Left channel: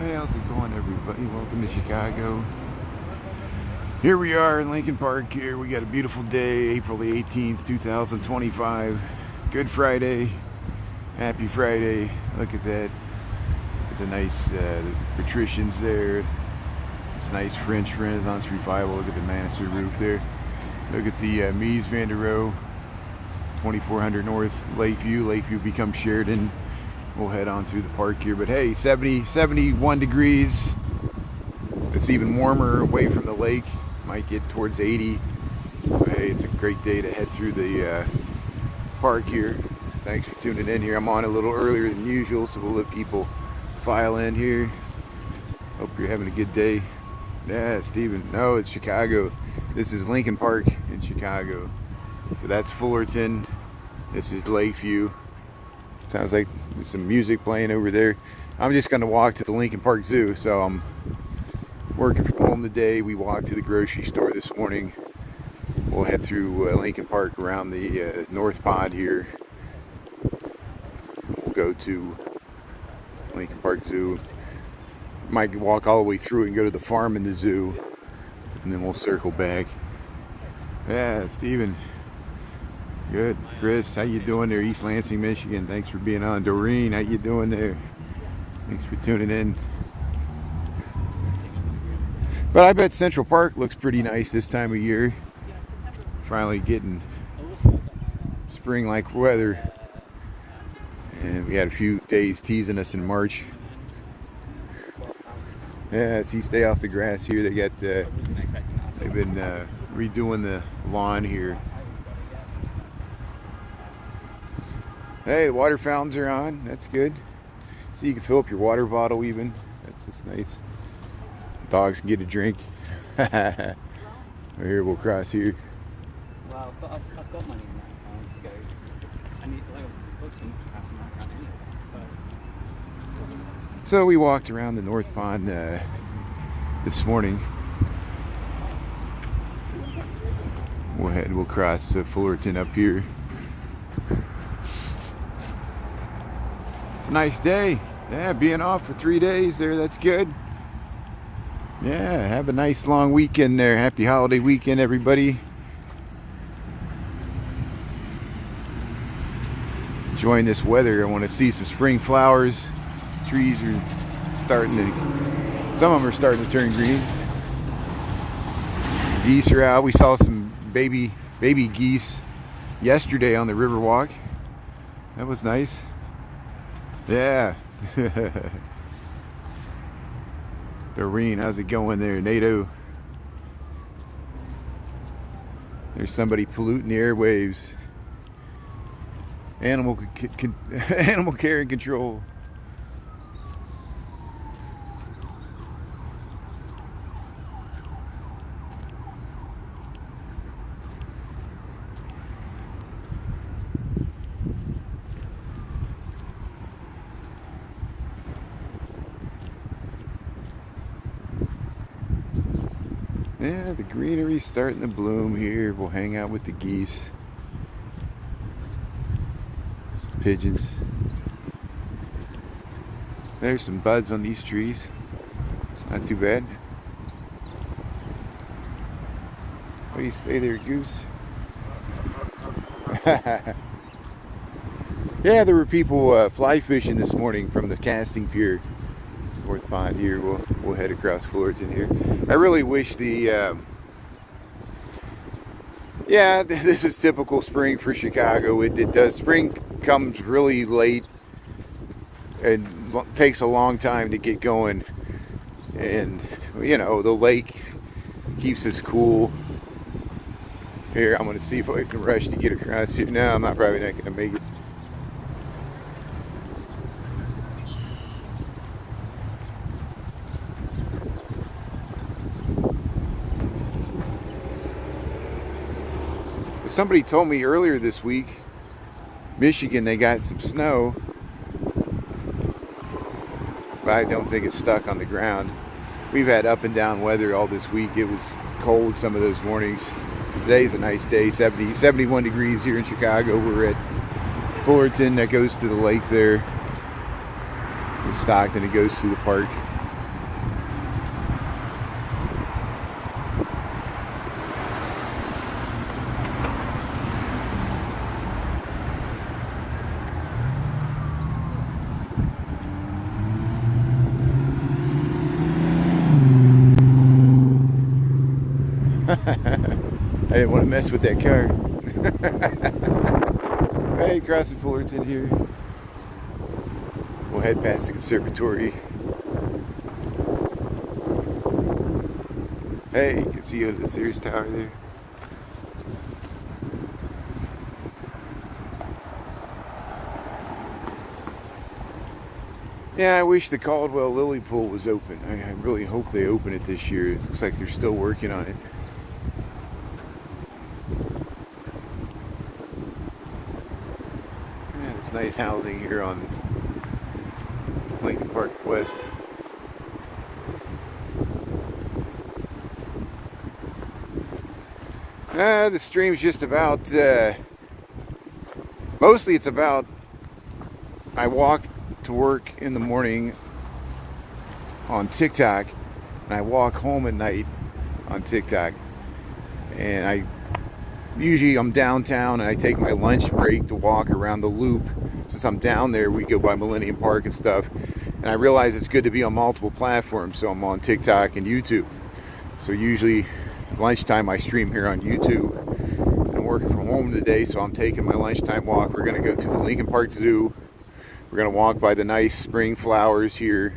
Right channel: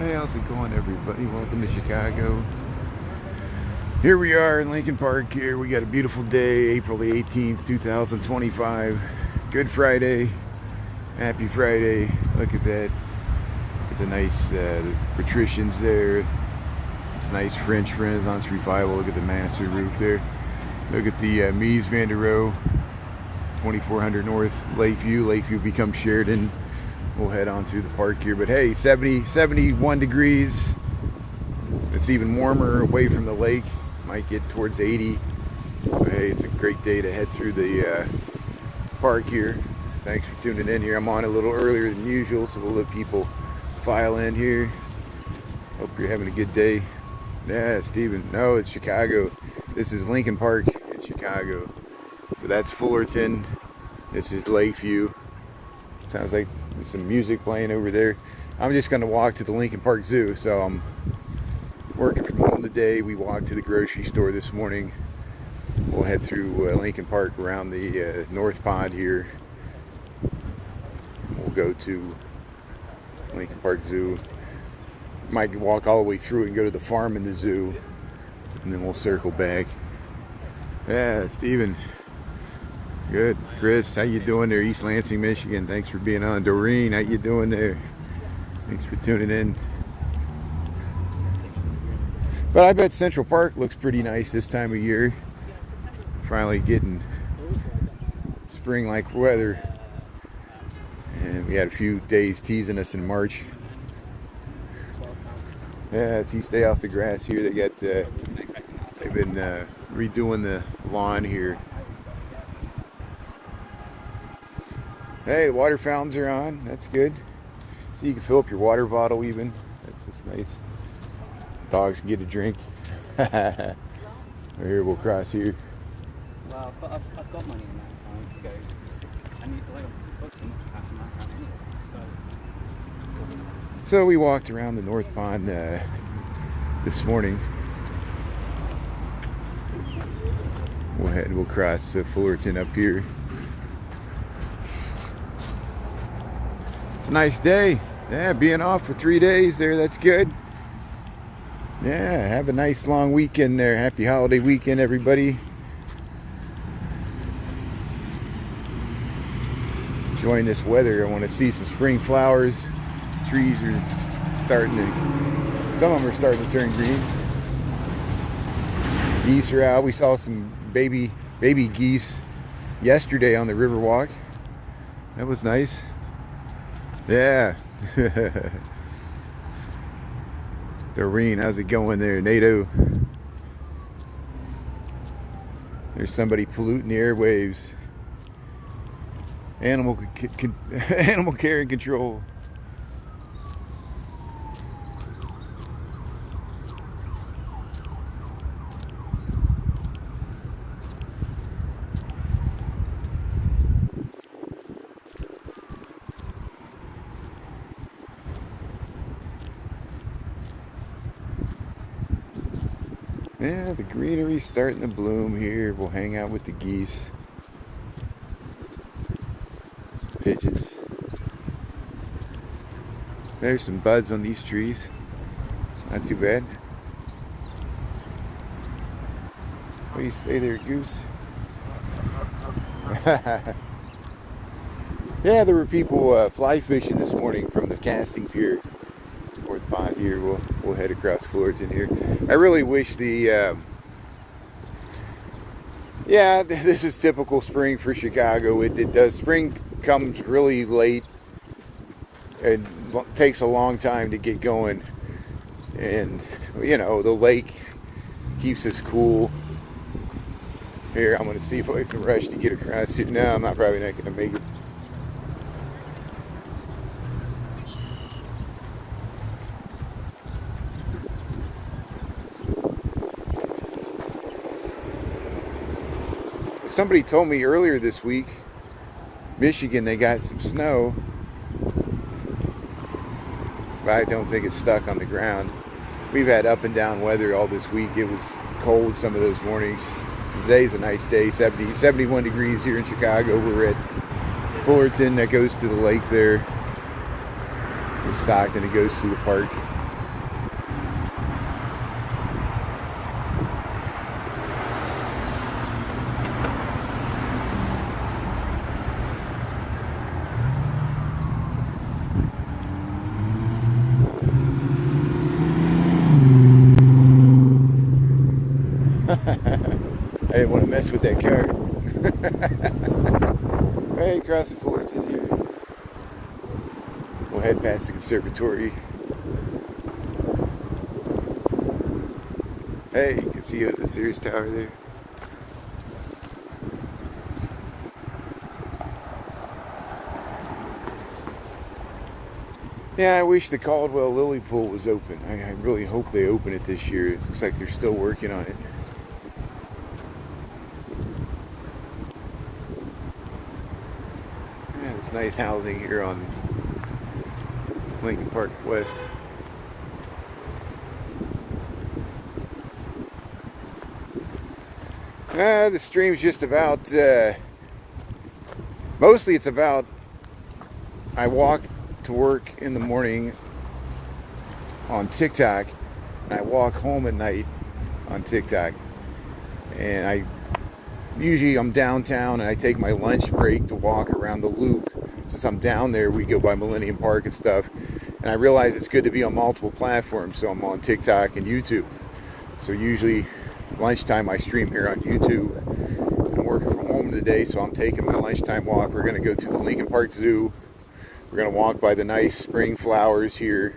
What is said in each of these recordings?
Hey, how's it going, everybody? Welcome to Chicago. Here we are in Lincoln Park here. We got a beautiful day, April the 18th, 2025. Good Friday. Happy Friday. Look at that. Look at the nice the patricians there. It's nice French Renaissance revival. Look at the master roof there. Look at the Mies van der Rohe, 2400 North Lakeview. Lakeview becomes Sheridan. We'll head on through the park here, but hey, 71 degrees. It's even warmer away from the lake. Might get towards 80. But hey, it's a great day to head through the park here. Thanks for tuning in here. I'm on a little earlier than usual, so we'll let people file in here. Hope you're having a good day. Yeah, Steven. No, it's Chicago. This is Lincoln Park in Chicago. So that's Fullerton. This is Lakeview. Sounds like there's some music playing over there. I'm just going to walk to the Lincoln Park Zoo. So I'm working from home today. We walked to the grocery store this morning. We'll head through Lincoln Park around the North Pond here. We'll go to Lincoln Park Zoo. Might walk all the way through and go to the farm in the zoo. And then we'll circle back. Yeah, Steven. Good. Chris, how you doing there? East Lansing, Michigan. Thanks for being on. Doreen, how you doing there? Thanks for tuning in. But I bet Central Park looks pretty nice this time of year. Finally getting spring-like weather. And we had a few days teasing us in March. Yeah, see, stay off the grass here. They got, they've been redoing the lawn here. Hey, the water fountains are on. That's good. So you can fill up your water bottle even. That's nice. Dogs can get a drink. Here, we'll cross here. Well, but I've got money in that account to go. I need to book some half in that account anyway. So we walked around the North Pond this morning. We'll cross Fullerton up here. It's a nice day. Yeah, being off for 3 days there, that's good. Yeah, have a nice long weekend there. Happy holiday weekend, everybody. Enjoying this weather. I want to see some spring flowers. Trees are starting to, some of them are starting to turn green. Geese are out. We saw some baby geese yesterday on the Riverwalk. That was nice. Yeah. Doreen, how's it going there? NATO. There's somebody polluting the airwaves. Animal care and control. Yeah, the greenery's starting to bloom here. We'll hang out with the geese. Pigeons. There's some buds on these trees. It's not too bad. What do you say there, goose? Yeah, there were people fly fishing this morning from the casting pier. North Pond here. We'll head across Fullerton here. I really wish the yeah, this is typical spring for Chicago. It does. Spring comes really late and takes a long time to get going, and you know, the lake keeps us cool. Here, I'm going to see if I can rush to get across here. No, I'm probably not going to make it. Somebody told me earlier this week, Michigan, they got some snow, but I don't think it's stuck on the ground. We've had up and down weather all this week. It was cold some of those mornings. Today's a nice day, 71 degrees here in Chicago. We're at Fullerton that goes to the lake there. The Stockton that goes through the park. race with that car. Right, crossing Fullerton here. We'll head past the Conservatory. Hey, you can see the Sears Tower there. Yeah, I wish the Caldwell Lily Pool was open. I really hope they open it this year. It looks like they're still working on it. Yeah, it's nice housing here on Lincoln Park West. The stream's just about, mostly it's about, I walk to work in the morning on TikTok, and I walk home at night on TikTok. And I'm downtown, and I take my lunch break to walk around the loop. Since I'm down there, we go by Millennium Park and stuff. And I realize it's good to be on multiple platforms, so I'm on TikTok and YouTube. So usually lunchtime I stream here on YouTube. I'm working from home today, so I'm taking my lunchtime walk. We're going to go to the Lincoln Park Zoo. We're going to walk by the nice spring flowers here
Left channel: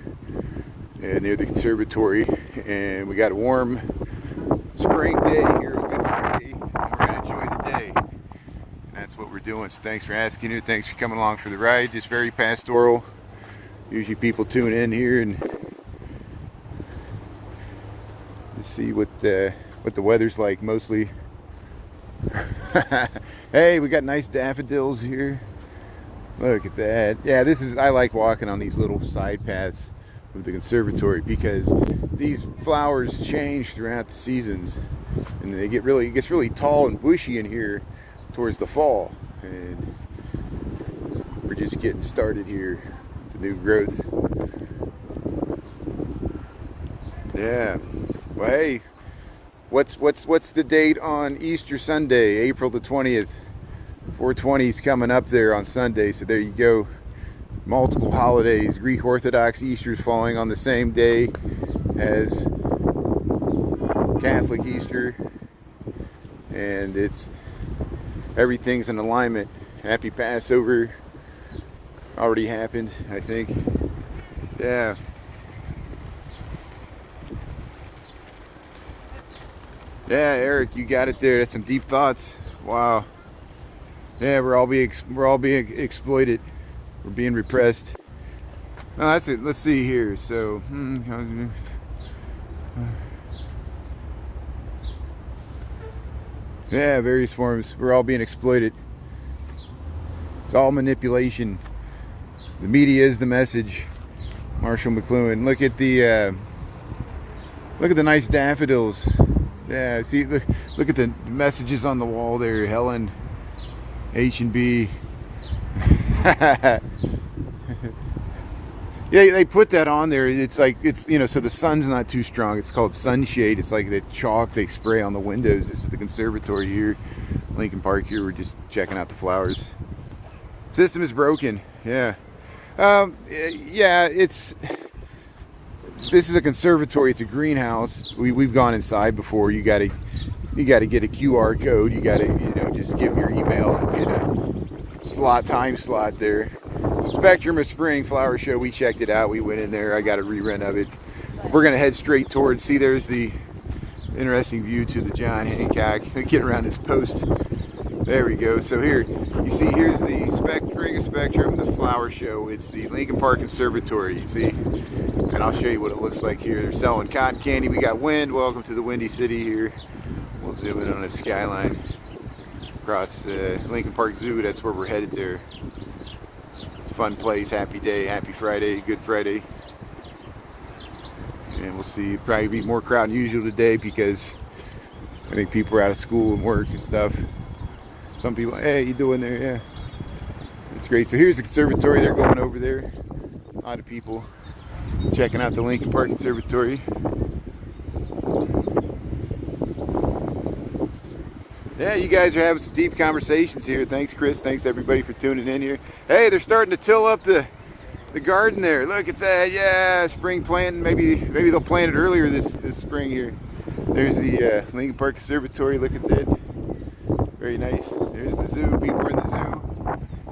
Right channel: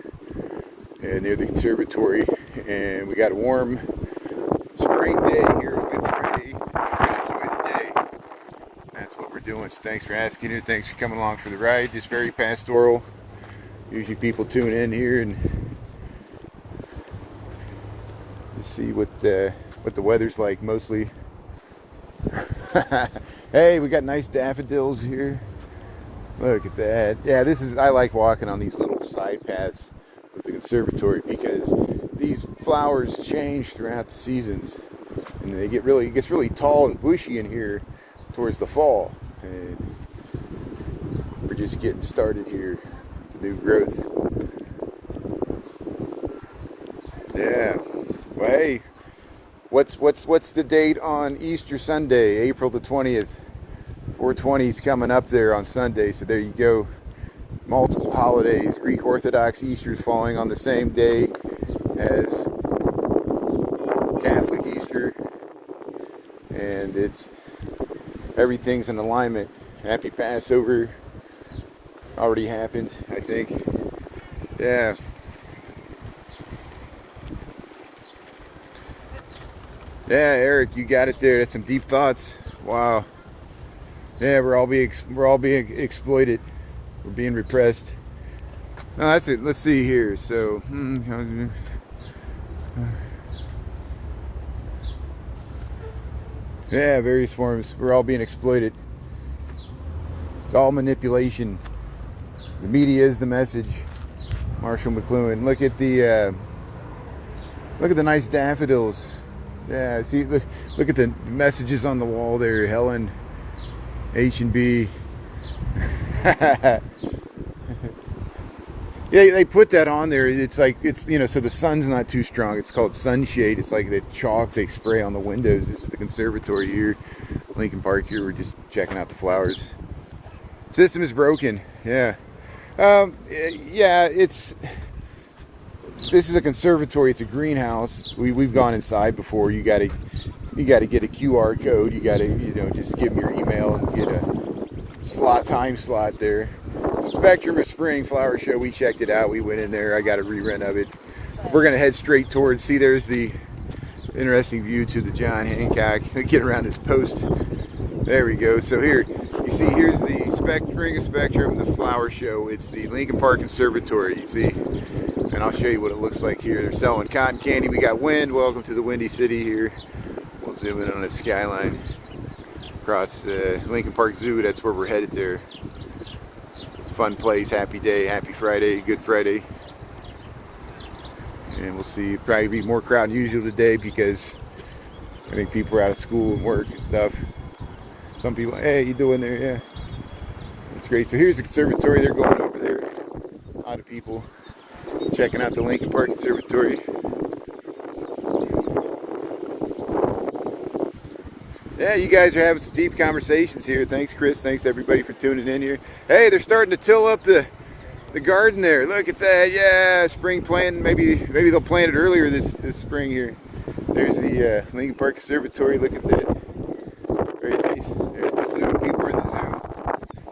near the Conservatory. And we got a warm spring day here, a Good Friday. We're going to enjoy the day. That's what we're doing. So thanks for asking it. Thanks for coming along for the ride. Just very pastoral. Usually people tune in here and see what the weather's like mostly. Hey, we got nice daffodils here. Look at that. Yeah, I like walking on these little side paths with the Conservatory because these flowers change throughout the seasons, and it gets really tall and bushy in here towards the fall. And we're just getting started here with the new growth. Yeah. Well, hey, what's the date on Easter Sunday, April the 20th? 420 is coming up there on Sunday, so there you go. Multiple holidays. Greek Orthodox Easter is falling on the same day as Catholic Easter, and everything's in alignment. Happy Passover already happened, I think. Yeah. Yeah, Eric, you got it there. That's some deep thoughts. Wow. Yeah, we're all being exploited. We're being repressed. No, that's it. Let's see here. So, yeah, various forms. We're all being exploited. It's all manipulation. The media is the message. Marshall McLuhan. Look at the nice daffodils. Yeah, see, look at the messages on the wall there. Helen, H&B. Yeah, they put that on there. It's like, so the sun's not too strong. It's called sunshade. It's like the chalk they spray on the windows. This is the Conservatory here, Lincoln Park here. We're just checking out the flowers. System is broken. Yeah. Yeah, this is a conservatory. It's a greenhouse. We've gone inside before. You got to get a QR code. You got to just give them your email and get a time slot there. Spectrum of Spring Flower Show. We checked it out. We went in there. I got a rerun of it. We're gonna head straight towards. See, there's the interesting view to the John Hancock. Get around this post. There we go. So here, you see, here's the Spring of Spectrum, the flower show. It's the Lincoln Park Conservatory. You see, and I'll show you what it looks like here. They're selling cotton candy. We got wind. Welcome to the Windy City here. We'll zoom in on the skyline across Lincoln Park Zoo. That's where we're headed there. Fun place, happy day, happy Friday, Good Friday. And we'll see, probably be more crowd than usual today because I think people are out of school and work and stuff. Some people, hey, you doing there? Yeah, it's great. So here's the conservatory. They're going over there. A lot of people checking out the Lincoln Park Conservatory. Yeah, you guys are having some deep conversations here. Thanks, Chris. Thanks, everybody, for tuning in here. Hey, they're starting to till up the garden there. Look at that. Yeah, spring planting. Maybe they'll plant it earlier this spring here. There's the Lincoln Park Conservatory. Look at that. Very nice. There's the zoo. People are in the zoo.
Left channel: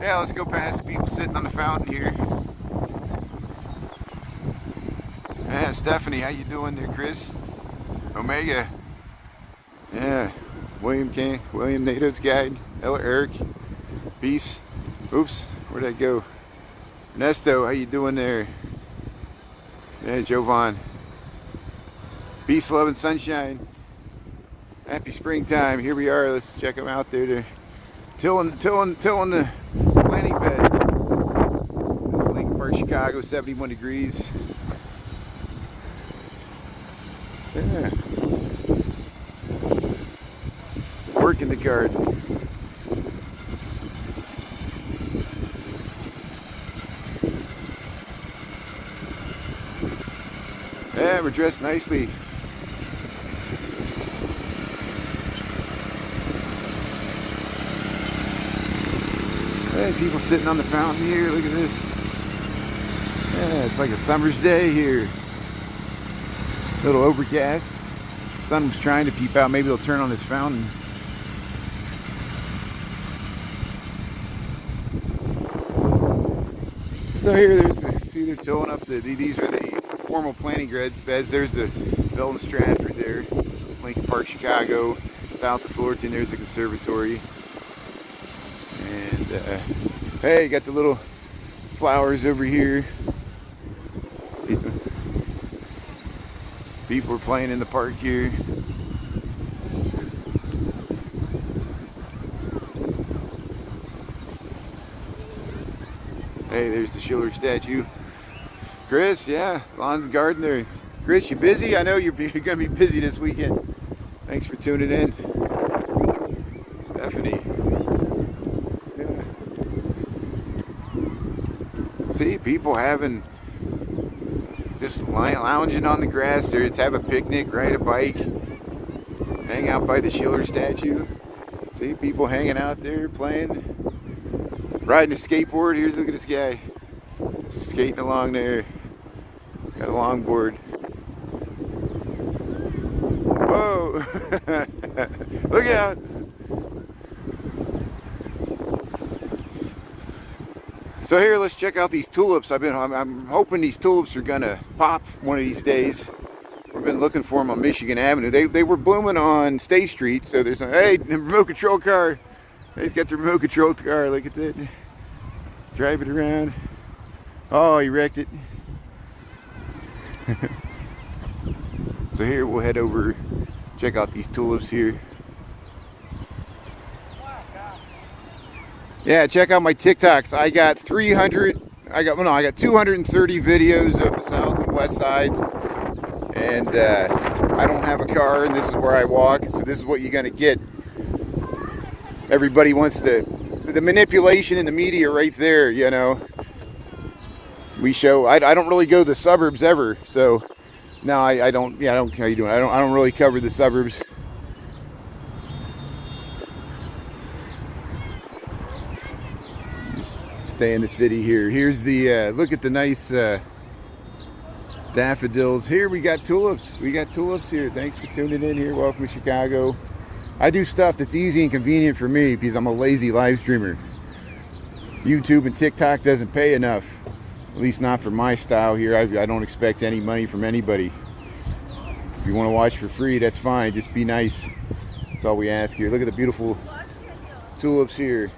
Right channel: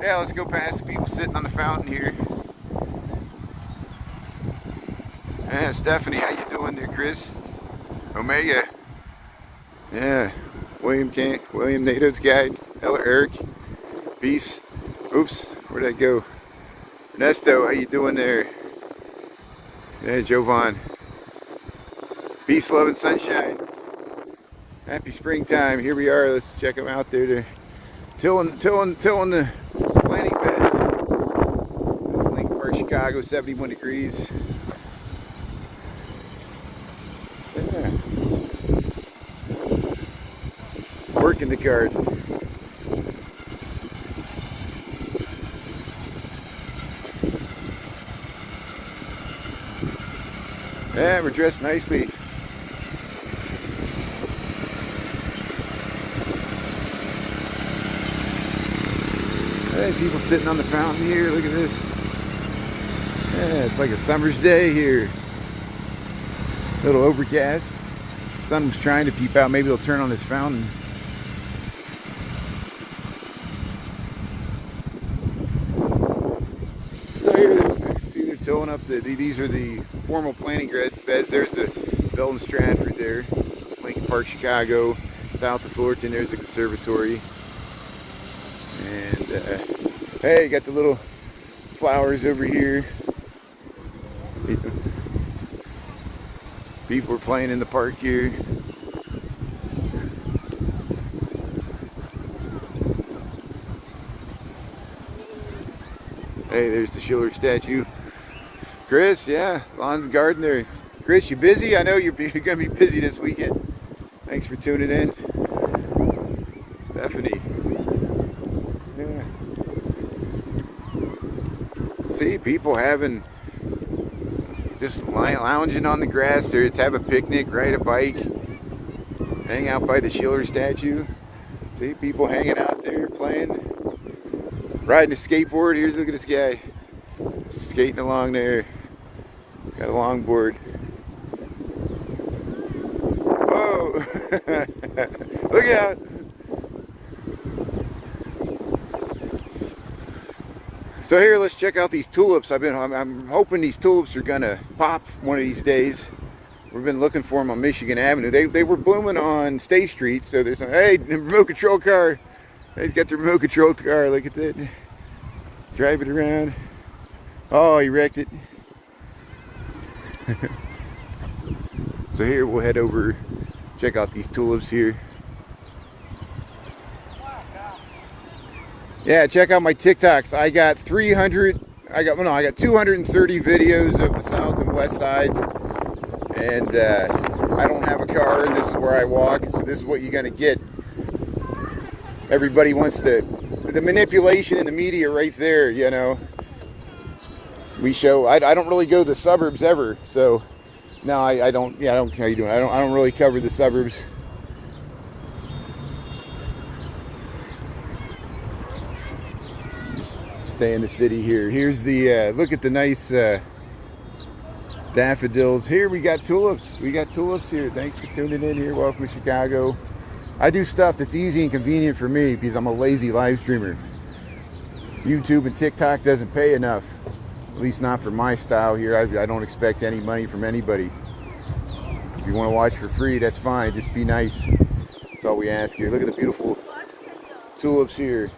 Yeah, let's go past the people sitting on the fountain here. Yeah, Stephanie, how you doing there, Chris? Omega. Yeah, William Natives Guide. Hello, Eric. Peace. Oops, where'd I go? Ernesto, how you doing there? Yeah, Jovan. Peace, love, and sunshine. Happy springtime. Here we are. Let's check them out there. They're tilling the planting beds. This is Lincoln Park, Chicago, 71 degrees. Yeah. Work in the garden. Yeah, we're dressed nicely. Hey, people sitting on the fountain here. Look at this. Yeah, it's like a summer's day here. A little overcast. Sun's trying to peep out. Maybe they'll turn on this fountain. So here, they're tilling up these are the formal planting beds. There's the Belton Stratford there. Lincoln Park, Chicago. South of Fullerton, there's the Conservatory. And hey, got the little flowers over here. People are playing in the park here. Hey, there's the Schiller statue. Chris, yeah, lawn's garden there. Chris, you busy? I know you're gonna be busy this weekend. Thanks for tuning in. Stephanie. Yeah. See, people just lounging on the grass there. Let's have a picnic, ride a bike, hang out by the Schiller statue. See, people hanging out there playing, riding a skateboard. Here's, look at this guy skating along there. Got a longboard. Whoa! Look out! So here, let's check out these tulips. I'm hoping these tulips are gonna pop one of these days. We've been looking for them on Michigan Avenue. They were blooming on State Street. So there's hey, the remote control car. He's got the remote control car. Look at that. Drive it around. Oh, he wrecked it. So here we'll head over, check out these tulips here. Yeah, check out my TikToks. I got 230 videos of the south and west sides. And I don't have a car, and this is where I walk. So this is what you're gonna get. Everybody wants the manipulation in the media right there, you know. We show, I don't really go to the suburbs ever, so no, I don't, yeah, I don't, how you doing? I don't really cover the suburbs. Just stay in the city here. Here's the, look at the nice daffodils. Here we got tulips. We got tulips here. Thanks for tuning in here. Welcome to Chicago. I do stuff that's easy and convenient for me because I'm a lazy live streamer. YouTube and TikTok doesn't pay enough. At least not for my style here. I don't expect any money from anybody. If you want to watch for free, that's fine. Just be nice. That's all we ask here. Look at the beautiful tulips here.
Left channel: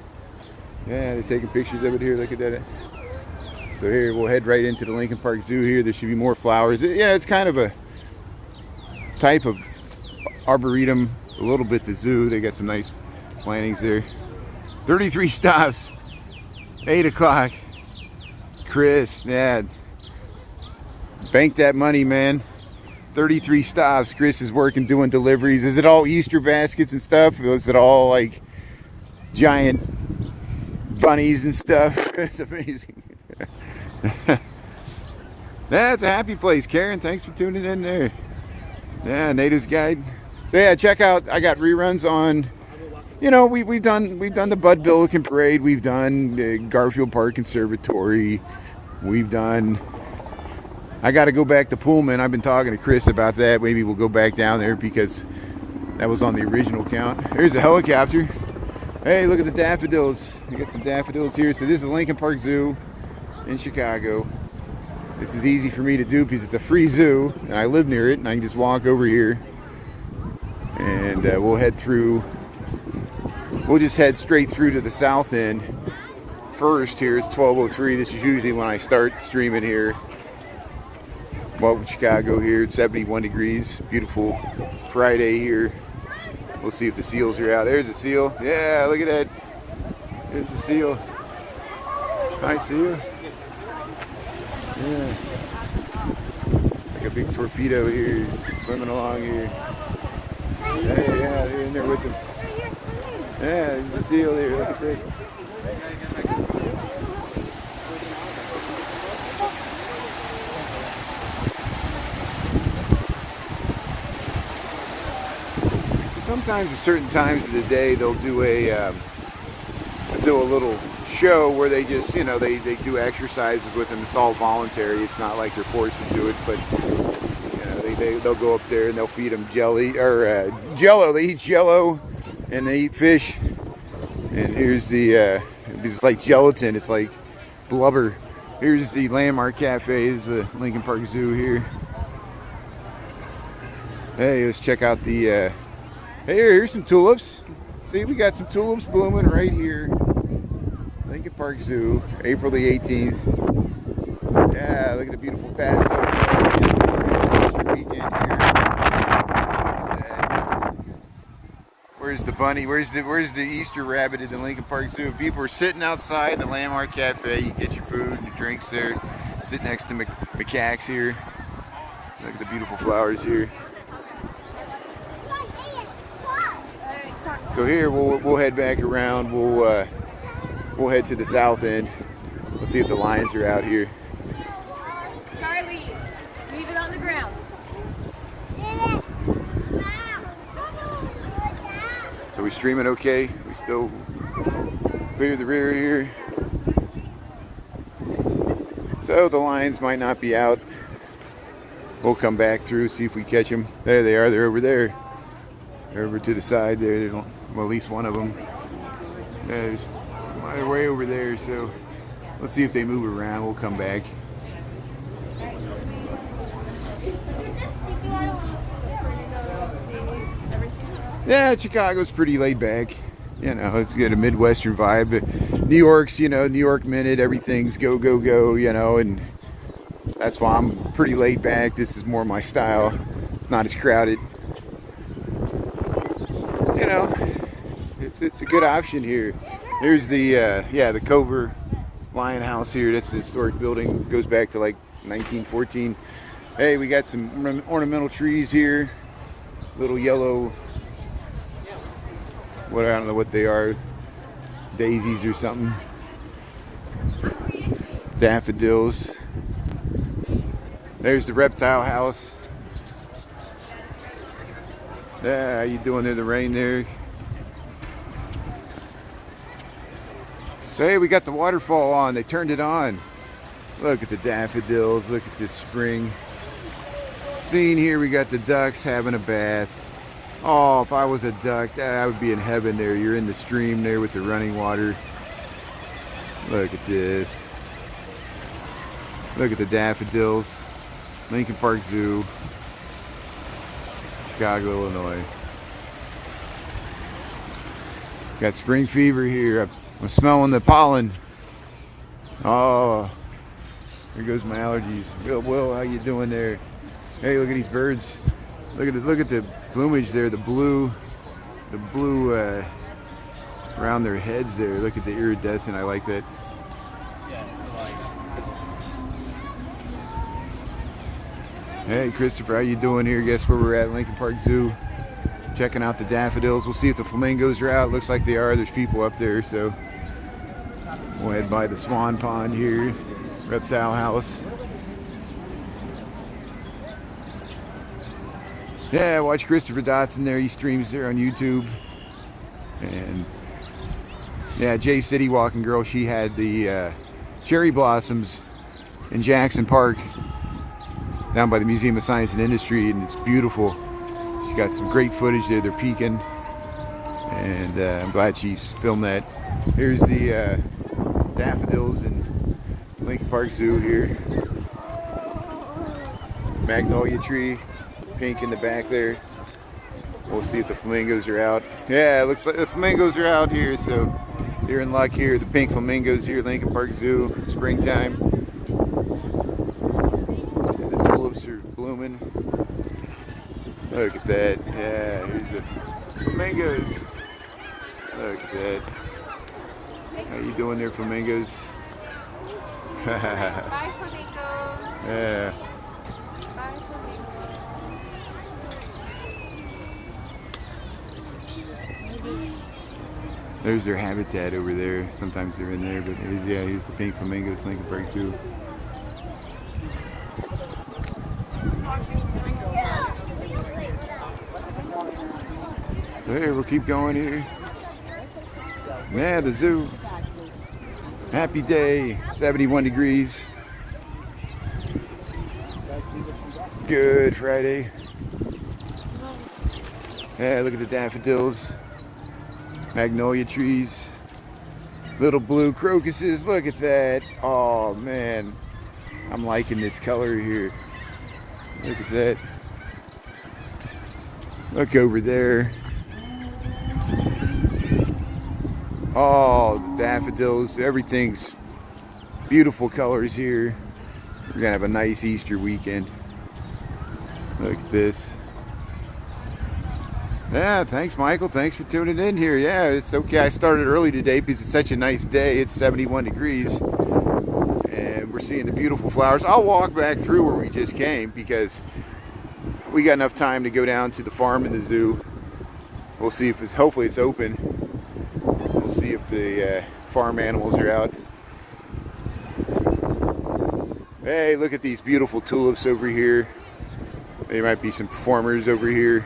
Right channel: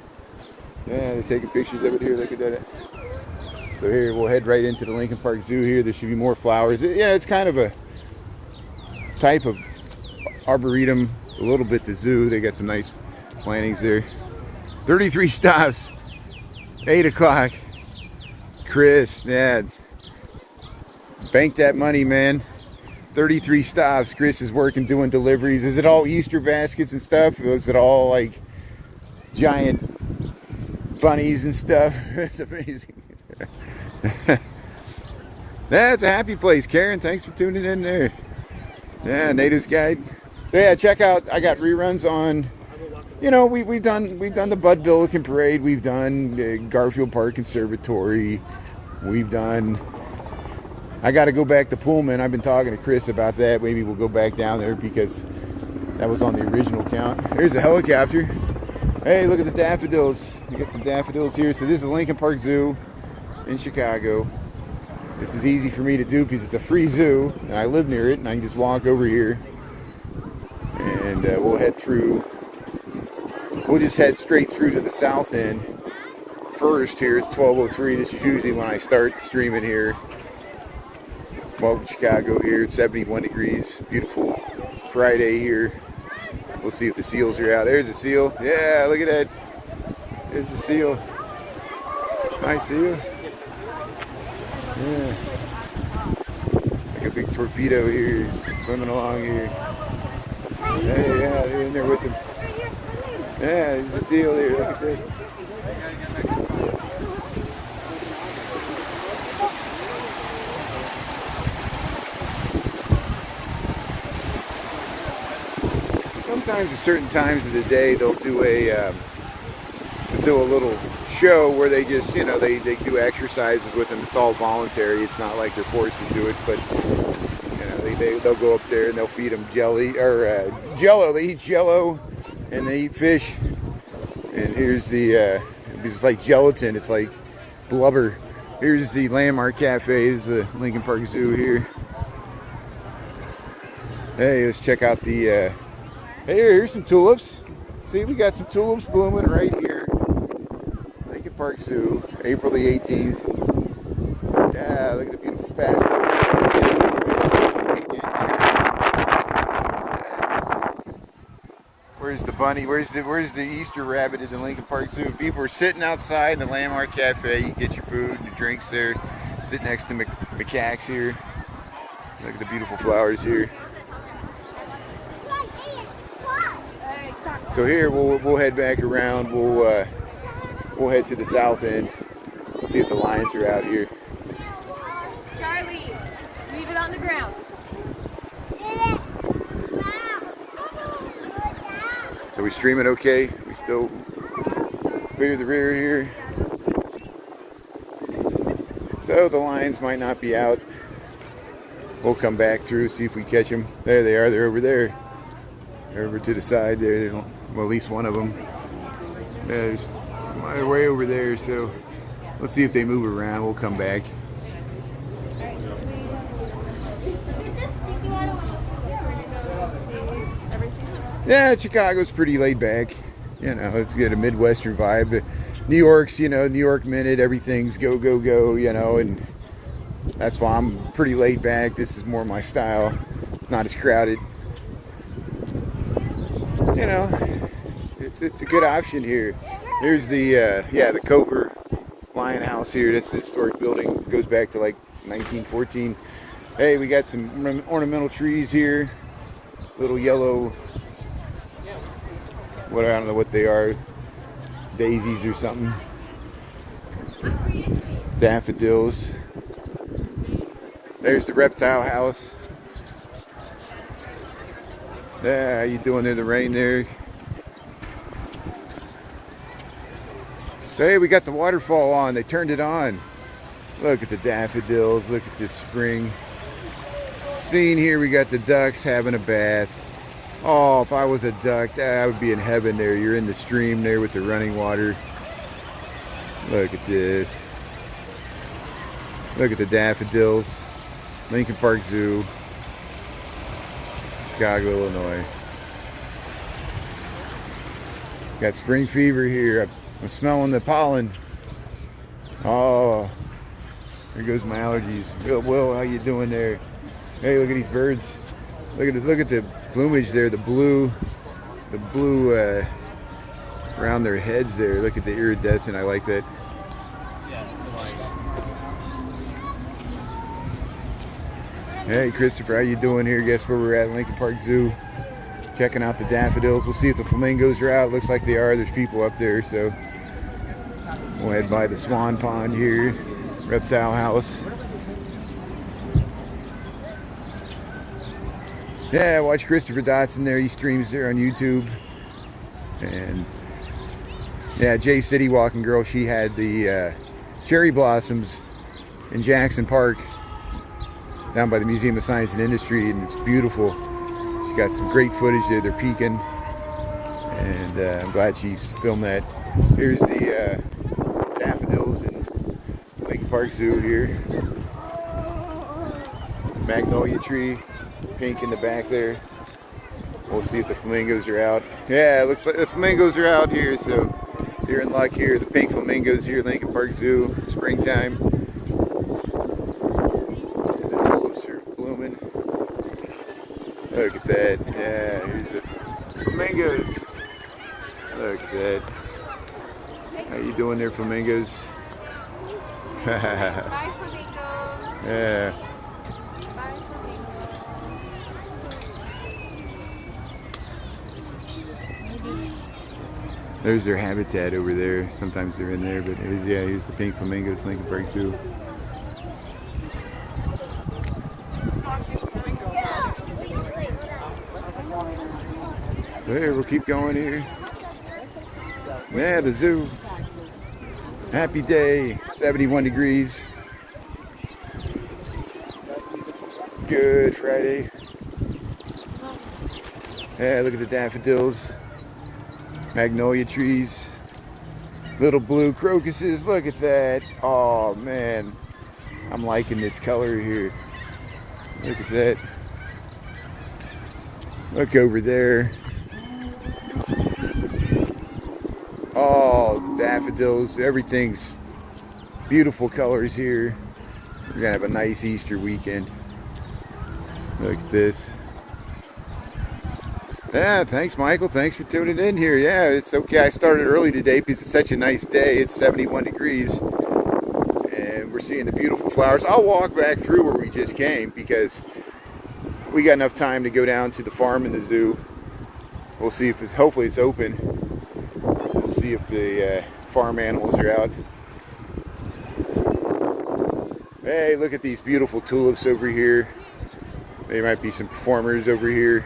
Yeah, they're taking pictures of it here. Look at that. So here, we'll head right into the Lincoln Park Zoo here. There should be more flowers. Yeah, it's kind of a type of arboretum. A little bit the zoo. They got some nice plantings there. 33 stops. 8 o'clock. Chris, yeah, bank that money, man. 33 stops. Chris is working doing deliveries. Is it all Easter baskets and stuff? Or is it all like giant bunnies and stuff? It's amazing. That's a happy place. Karen, thanks for tuning in there. Yeah, Natives Guide. So yeah, check out, I got reruns on, you know, we've done the Bud Billiken Parade. We've done the Garfield Park Conservatory. We've done, I got to go back to Pullman. I've been talking to Chris about that. Maybe we'll go back down there because that was on the original count. There's a helicopter. Hey, look at the daffodils. We got some daffodils here. So this is Lincoln Park Zoo in Chicago. This is easy for me to do because it's a free zoo, and I live near it, and I can just walk over here. And we'll head through. We'll just head straight through to the south end. First, here it's 12:03. This is usually when I start streaming here. Welcome to Chicago here. It's 71 degrees. Beautiful Friday here. We'll see if the seals are out. There's a seal. Yeah, look at that. There's the seal. Hi, seal. Yeah. Like a big torpedo here. He's swimming along here. Hey, yeah, they're in there with him. Yeah, there's a seal here. Look at this. Sometimes at certain times of the day they'll do a little show where they just, you know, they do exercises with them. It's all voluntary. It's not like they're forced to do it, but you know, they'll go up there and they'll feed them jelly or Jello. They eat Jello and they eat fish. And here's the it's like gelatin. It's like blubber. Here's the Landmark Cafe. This is the Lincoln Park Zoo here. Hey, let's check out the. Hey, here's some tulips. See, we got some tulips blooming right here. Lincoln Park Zoo, April the 18th. Yeah, look at the beautiful pastel. Where's the bunny? Where's the Easter rabbit at the Lincoln Park Zoo? People are sitting outside in the Landmark Cafe. You get your food and your drinks there. Sit next to macaques here. Look at the beautiful flowers here. So here we'll head back around. We'll head to the south end. We'll see if the lions are out here. Charlie, leave it on the ground. Are we streaming okay? We still clear the rear here. So the lions might not be out. We'll come back through, see if we catch them. There they are. They're over there. They're over to the side there. Well, at least one of them. Yeah, they're way over there, so let's see if they move around. We'll come back. Yeah, Chicago's pretty laid back. You know, it's got a Midwestern vibe. But New York's, you know, New York Minute, everything's go, go, go, you know, and that's why I'm pretty laid back. This is more my style. It's not as crowded. You know, it's a good option here. Here's the the Cover Lion House here. That's the historic building. It goes back to like 1914. Hey, we got some ornamental trees here. Little yellow, I don't know what they are. Daisies or something. Daffodils. There's the reptile house. Yeah, how you doing there, the rain there? So hey, we got the waterfall on. They turned it on. Look at the daffodils. Look at this spring scene here. We got the ducks having a bath. Oh, if I was a duck, I would be in heaven there. You're in the stream there with the running water. Look at this. Look at the daffodils. Lincoln Park Zoo. Chicago, Illinois. Got spring fever here. I'm smelling the pollen. Oh, there goes my allergies. Will, how you doing there? Hey, look at these birds. Look at the plumage there. The blue around their heads there. Look at the iridescent. I like that. Hey Christopher, how you doing here? Guess where we're at? Lincoln Park Zoo. Checking out the daffodils. We'll see if the flamingos are out. Looks like they are. There's people up there, so we'll head by the swan pond here. Reptile house. Yeah, watch Christopher Dotson there. He streams there on YouTube. And yeah, Jay City Walking Girl, she had the cherry blossoms in Jackson Park down by the Museum of Science and Industry, and it's beautiful. She got some great footage there. They're peeking. And I'm glad she's filmed that. Here's the daffodils in Lincoln Park Zoo here. Magnolia tree, pink in the back there. We'll see if the flamingos are out. Yeah, it looks like the flamingos are out here, so you're in luck here. The pink flamingos here at Lincoln Park Zoo, springtime. The tulips are blooming. Look at that. Yeah, here's the flamingos. Look at that. How you doing there, flamingos? Bye, flamingos. Yeah. There's their habitat over there. Sometimes they're in there, but here's the pink flamingos, Lincoln Park Zoo. There, we'll keep going here. Yeah, the zoo. Happy day, 71 degrees. Good Friday. Yeah, look at the daffodils. Magnolia trees, little blue crocuses. Look at that. Oh man, I'm liking this color here. Look at that. Look over there. Oh, daffodils, everything's beautiful colors here. We're gonna have a nice Easter weekend. Look at this. Yeah, thanks, Michael. Thanks for tuning in here. Yeah, it's okay. I started early today because it's such a nice day. It's 71 degrees, and we're seeing the beautiful flowers. I'll walk back through where we just came because we got enough time to go down to the farm and the zoo. We'll see if hopefully it's open. We'll see if the farm animals are out. Hey, look at these beautiful tulips over here. There might be some performers over here.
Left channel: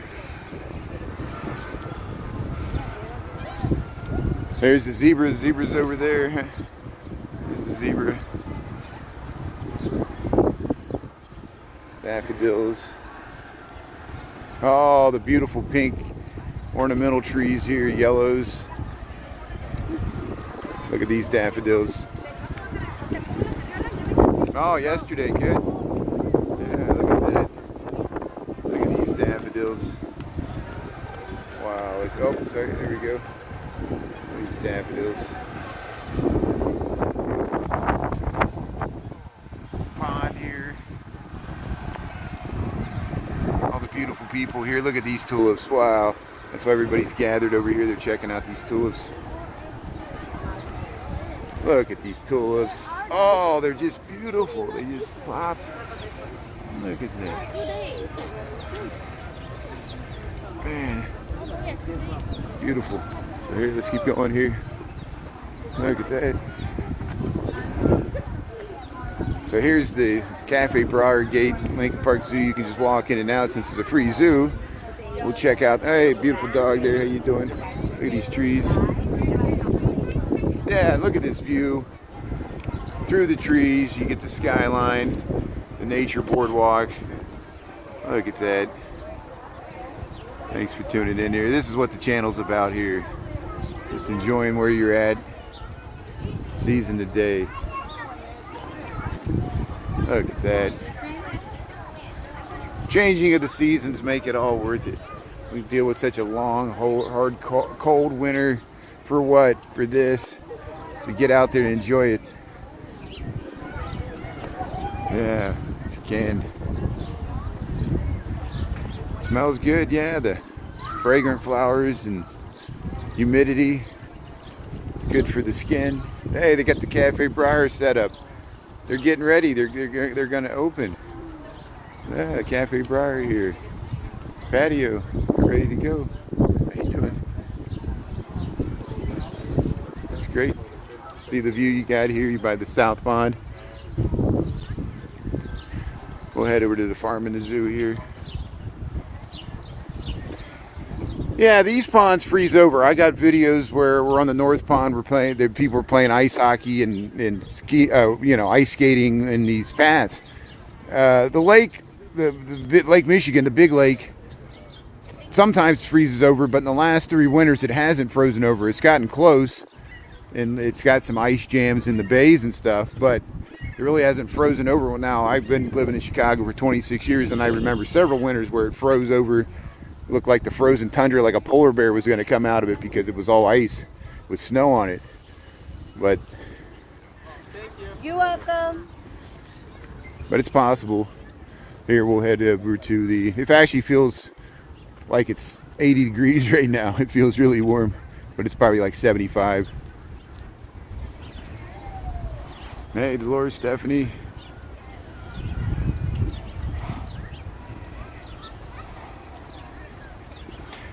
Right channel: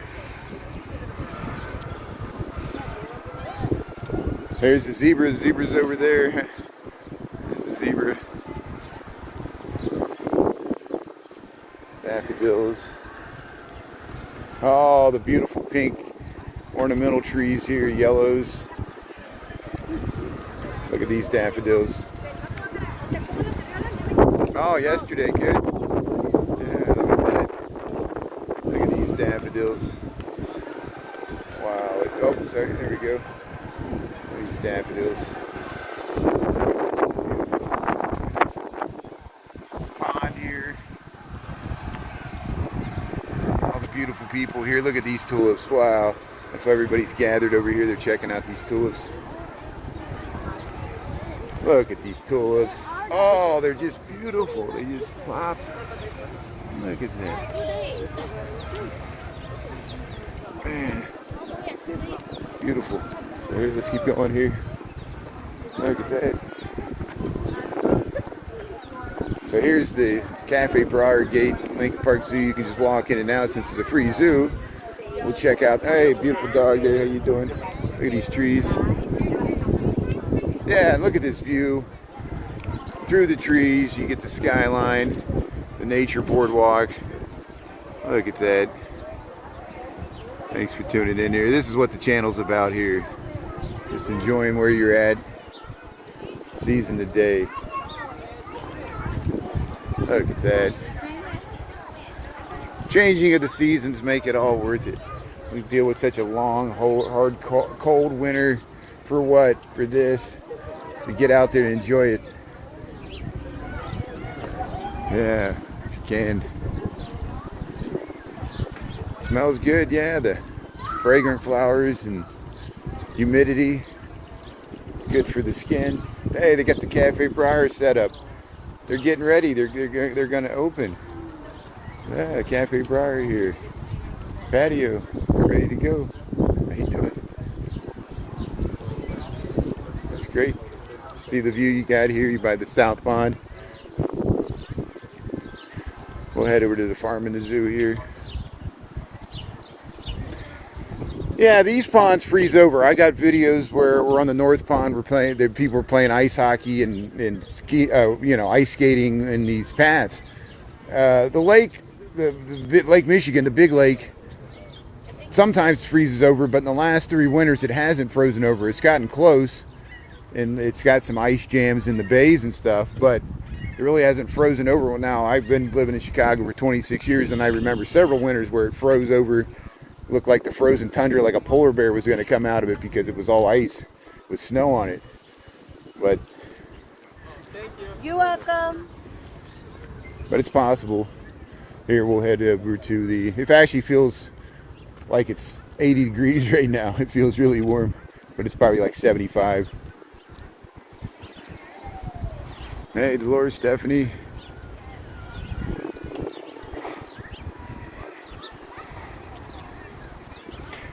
There's the zebra. The zebra's over there. There's the zebra. Daffodils. Oh, the beautiful pink ornamental trees here, yellows. Look at these daffodils. Oh, yesterday, good. Yeah, look at that. Look at these daffodils. Wow. Oh, sorry. There we go. These daffodils. Pond here. All the beautiful people here. Look at these tulips. Wow. That's why everybody's gathered over here. They're checking out these tulips. Look at these tulips. Oh, they're just beautiful. They just popped. Look at that. Man. Beautiful. Here, let's keep going here. Look at that. So here's the Cafe Briar Gate, Lincoln Park Zoo. You can just walk in and out since it's a free zoo. We'll check out. Hey, beautiful dog there. How you doing? Look at these trees. Yeah, look at this view. Through the trees, you get the skyline, the nature boardwalk. Look at that. Thanks for tuning in here. This is what the channel's about here. Just enjoying where you're at. Season the day. Look at that. Changing of the seasons make it all worth it. We deal with such a long, hard, cold winter. For what? For this. To get out there and enjoy it. Yeah, if you can. Smells good, yeah. The fragrant flowers and humidity. Good for the skin. Hey, they got the Cafe Briar set up. They're getting ready. They're going to open. Yeah, Cafe Briar here. Patio. Ready to go. How you doing? That's great. See the view you got here. You're by the South Pond. We'll head over to the farm and the zoo here. Yeah, these ponds freeze over. I got videos where we're on the North Pond. The people were playing ice hockey and ski, ice skating in these paths. The lake, the Lake Michigan, the big lake, sometimes freezes over, but in the last 3 winters it hasn't frozen over. It's gotten close, and it's got some ice jams in the bays and stuff, but it really hasn't frozen over. Well, now I've been living in Chicago for 26 years, and I remember several winters where it froze over. It looked like the frozen tundra, like a polar bear was going to come out of it because it was all ice with snow on it. But You're welcome. But it's possible. Here, we'll head over to the, it actually feels like it's 80 degrees right now. It feels really warm, but it's probably like 75. Hey, Dolores, Stephanie.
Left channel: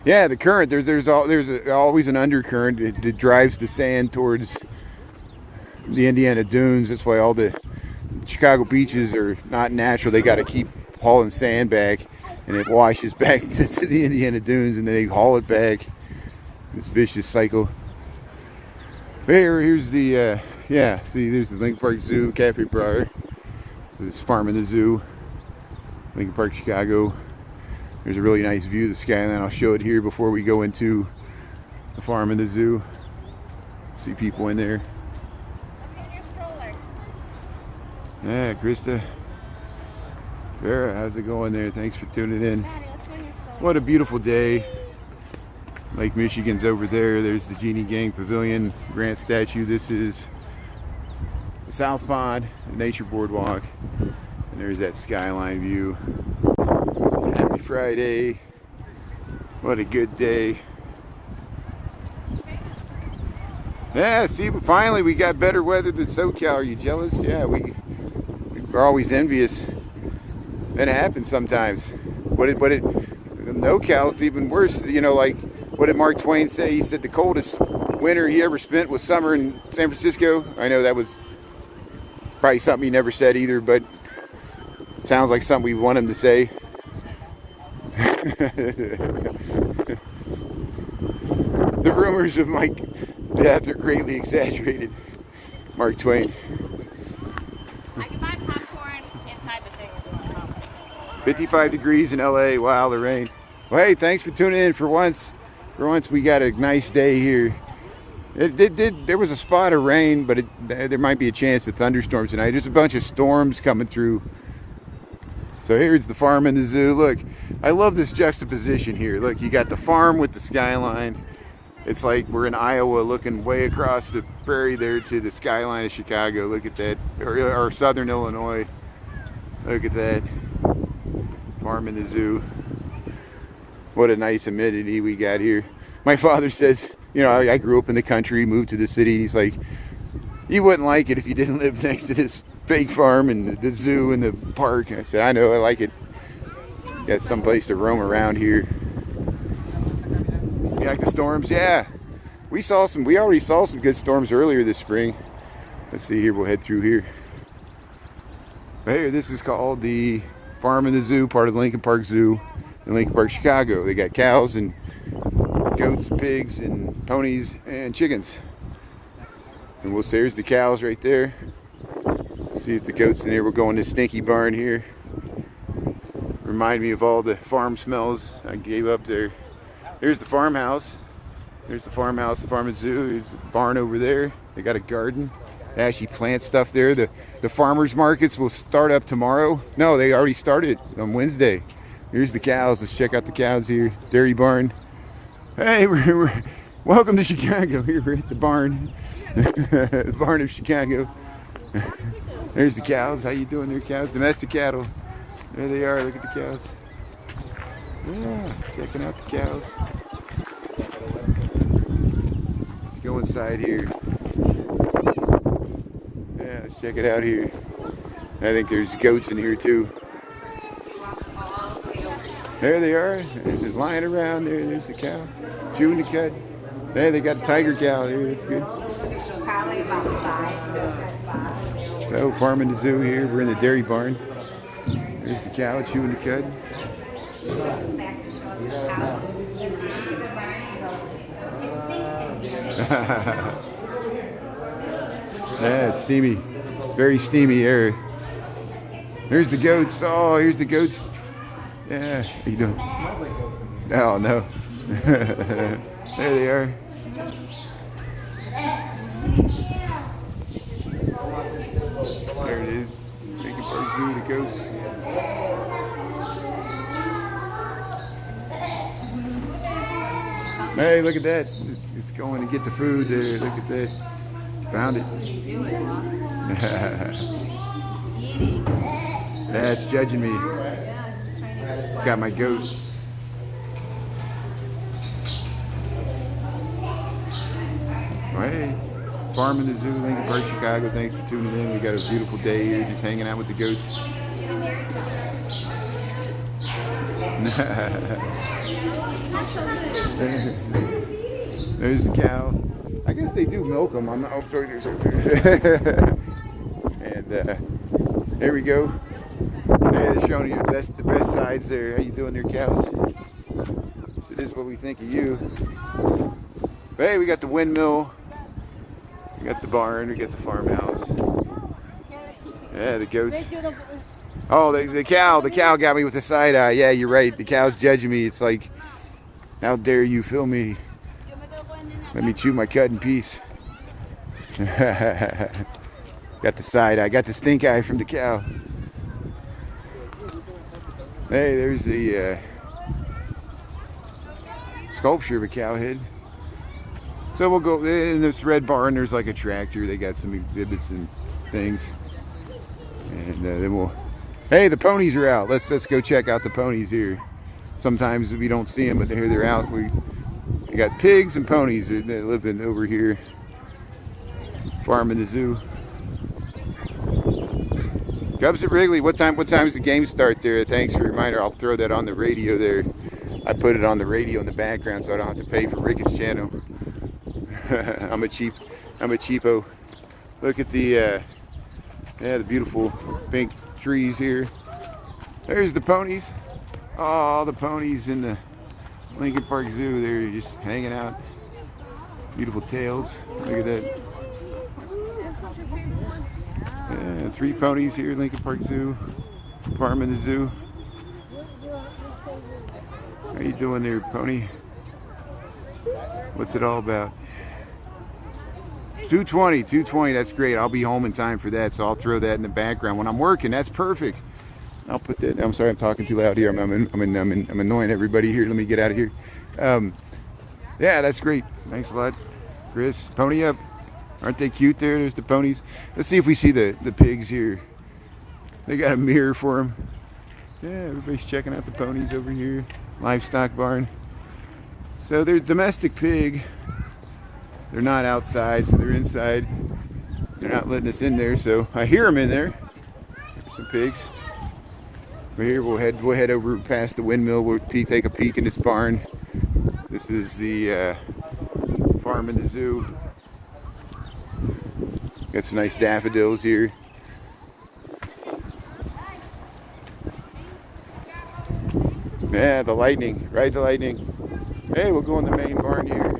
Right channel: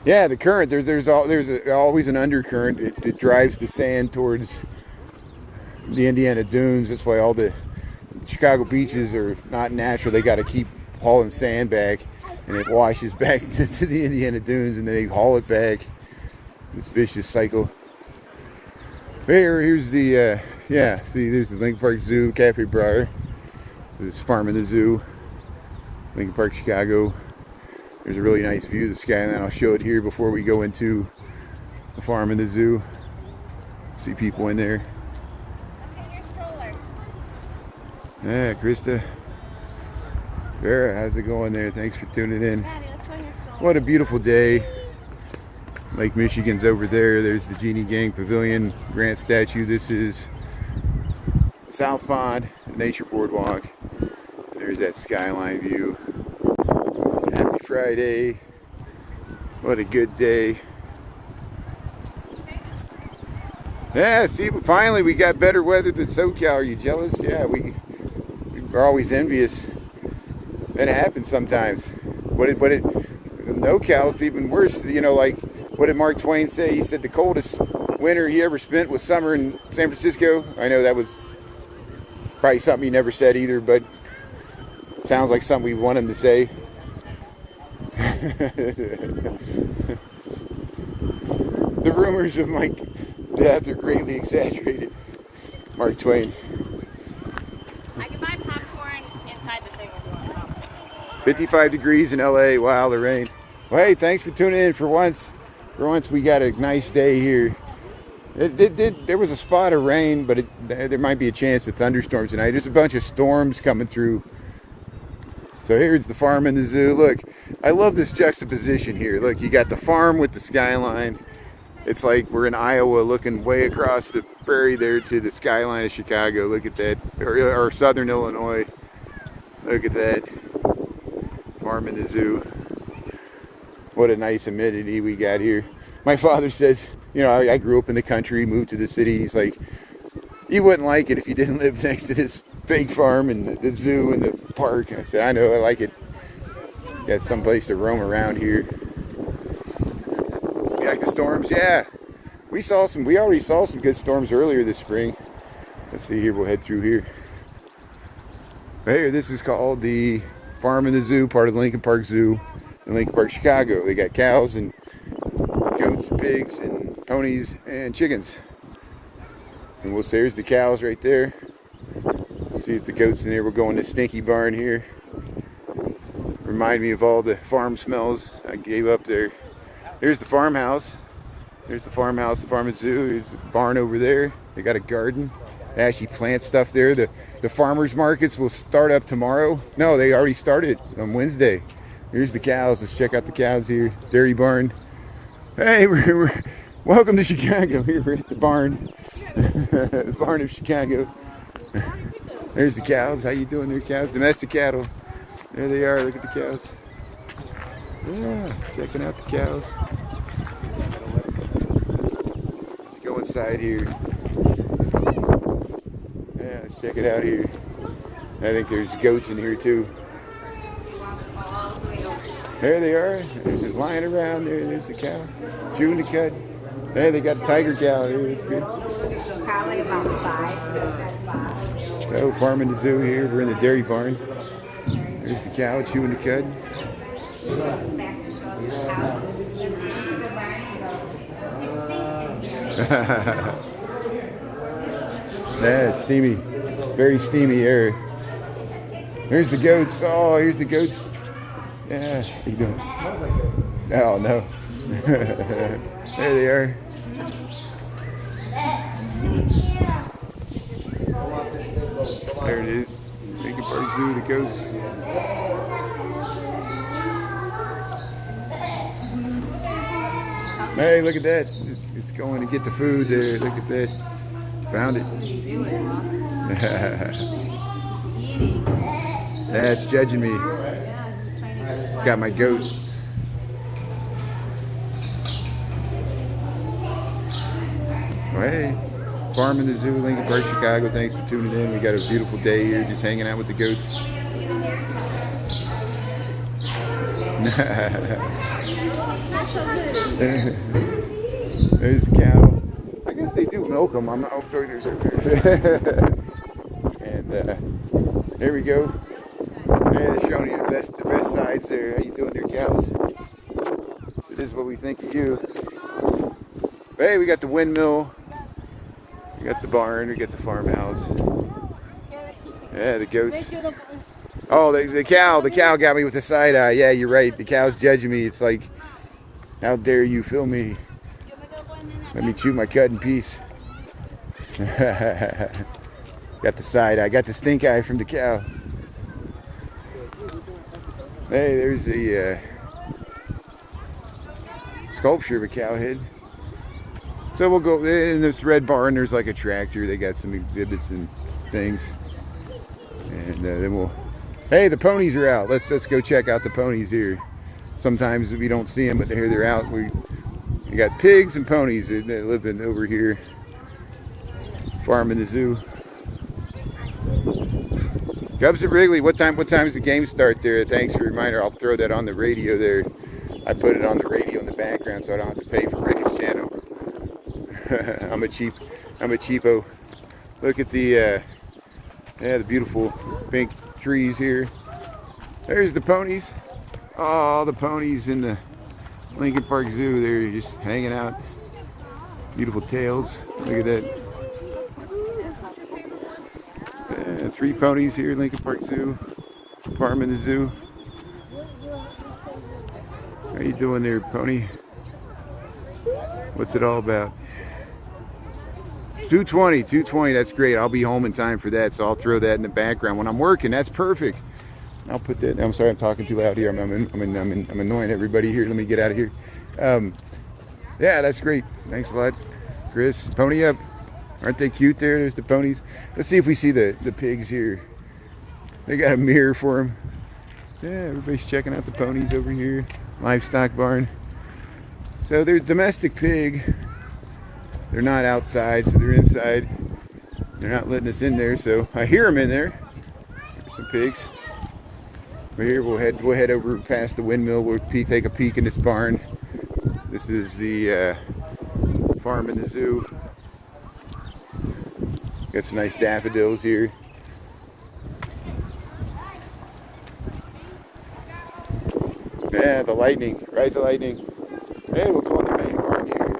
Yeah, the current, there's always an undercurrent. It drives the sand towards the Indiana dunes. That's why all the Chicago beaches are not natural. They got to keep hauling sand back, and it washes back to the Indiana dunes, and then they haul it back. This vicious cycle. Here's the yeah, see, there's the Lincoln Park Zoo, Cafe Bar. There's Farm in the Zoo, Lincoln Park, Chicago. There's a really nice view of the skyline. I'll show it here before we go into the Farm in the Zoo. See people in there. Yeah, Krista. Vera, how's it going there? Thanks for tuning in. What a beautiful day. Lake Michigan's over there. There's the Genie Gang Pavilion, Grant statue. This is the South Pond, the Nature Boardwalk. And there's that skyline view. Happy Friday. What a good day. Yeah, see, finally we got better weather than SoCal. Are you jealous? Yeah, we're always envious. And it happens sometimes. In NoCal, it's even worse. You know, like, what did Mark Twain say? He said the coldest winter he ever spent was summer in San Francisco. I know that was probably something he never said either, but it sounds like something we want him to say. The rumors of my death are greatly exaggerated. Mark Twain. I can buy popcorn inside the thing. 55 degrees in LA. Wow, the rain. Well, hey, thanks for tuning in for once. For once, we got a nice day here. There was a spot of rain, but there might be a chance of thunderstorms tonight. There's a bunch of storms coming through. So here's the Farm in the Zoo. Look, I love this juxtaposition here. Look, you got the farm with the skyline. It's like we're in Iowa looking way across the prairie there to the skyline of Chicago. Look at that. Or southern Illinois. Look at that. Farm in the Zoo. What a nice amenity we got here. My father says, you know, I grew up in the country, moved to the city. He's like, you wouldn't like it if you didn't live next to this big farm and the zoo and the park. And I said, I know, I like it. Got some place to roam around here. You like the storms? Yeah. We already saw some good storms earlier this spring. Let's see here, we'll head through here. Right here, this is called the Farm in the Zoo, part of the Lincoln Park Zoo in Lincoln Park, Chicago. They got cows and goats, pigs, and ponies, and chickens. And there's the cows right there. See if the goats in here. We're going to Stinky Barn here. Remind me of all the farm smells I gave up there. Here's the farmhouse. There's the farmhouse, the Farm and Zoo. There's a barn over there. They got a garden. They actually plant stuff there. The farmers markets will start up tomorrow. No, they already started on Wednesday. Here's the cows. Let's check out the cows here. Dairy barn. Hey, we're welcome to Chicago. Here we're at the barn. The barn of Chicago. There's the cows. How you doing there, cows? Domestic cattle. There they are. Look at the cows. Yeah, checking out the cows. Let's go inside here. Yeah, let's check it out here. I think there's goats in here too. There they are. They're lying around there. There's the cow. Chewing the cud. There, they got a tiger cow here. It's good. Probably about 5. So, Farm in the Zoo here. We're in the dairy barn. There's the cow chewing the cud. Yeah, it's steamy. Very steamy air. Here's the goats. Oh, here's the goats. Yeah, how you doing? Oh, no. There they are. There it is. Lincoln Park Zoo, the ghost. Hey, look at that. It's going to get the food there. Look at that. Found it. That's judging me. It's got my goat. Well, hey, Farm in the Zoo, Lincoln Park, Chicago. Thanks for tuning in. We got a beautiful day here, just hanging out with the goats. There's the cow. I guess they do milk them. I'm not. Oh, there's over here. And there we go. They're showing you the best sides there. How you doing there, cows? So this is what we think of you. Hey, we got the windmill. We got the barn. We got the farmhouse. Yeah, the goats. Oh, the cow. The cow got me with the side eye. Yeah, you're right. The cow's judging me. It's like, how dare you film me? Let me chew my cut in peace. Got the side eye. Got the stink eye from the cow. Hey, there's the sculpture of a cow head. So we'll go in this red barn. There's like a tractor. They got some exhibits and things. And then we'll. Hey, the ponies are out. Let's go check out the ponies here. Sometimes we don't see them, but here they're out. We got pigs and ponies. They're living over here. Farm in the Zoo. Cubs at Wrigley. What time's the game start there? Thanks for the reminder. I'll throw that on the radio there. I put it on the radio in the background so I don't have to pay for Rick's channel. I'm a cheapo. Look at the beautiful pink trees here. There's the ponies. Oh, the ponies in the Lincoln Park Zoo. They're just hanging out. Beautiful tails. Look at that. 3 ponies here, Lincoln Park Zoo. Farm in the Zoo. How you doing there, pony? What's it all about? 220, that's great. I'll be home in time for that, so I'll throw that in the background when I'm working. That's perfect. I'll put that. I'm sorry, I'm talking too loud here. I'm annoying everybody here. Let me get out of here. Yeah, that's great. Thanks a lot, Chris. Pony up. Aren't they cute there? There's the ponies. Let's see if we see the pigs here. They got a mirror for them. Yeah, everybody's checking out the ponies over here. Livestock barn. So they're domestic pig. They're not outside, so they're inside. They're not letting us in there, so I hear them in there. There's some pigs. But here we'll head over past the windmill. We'll take a peek in this barn. This is the Farm in the Zoo. Got some nice daffodils here. Yeah, the lightning. Ride the lightning. Hey, we'll go in the main barn here.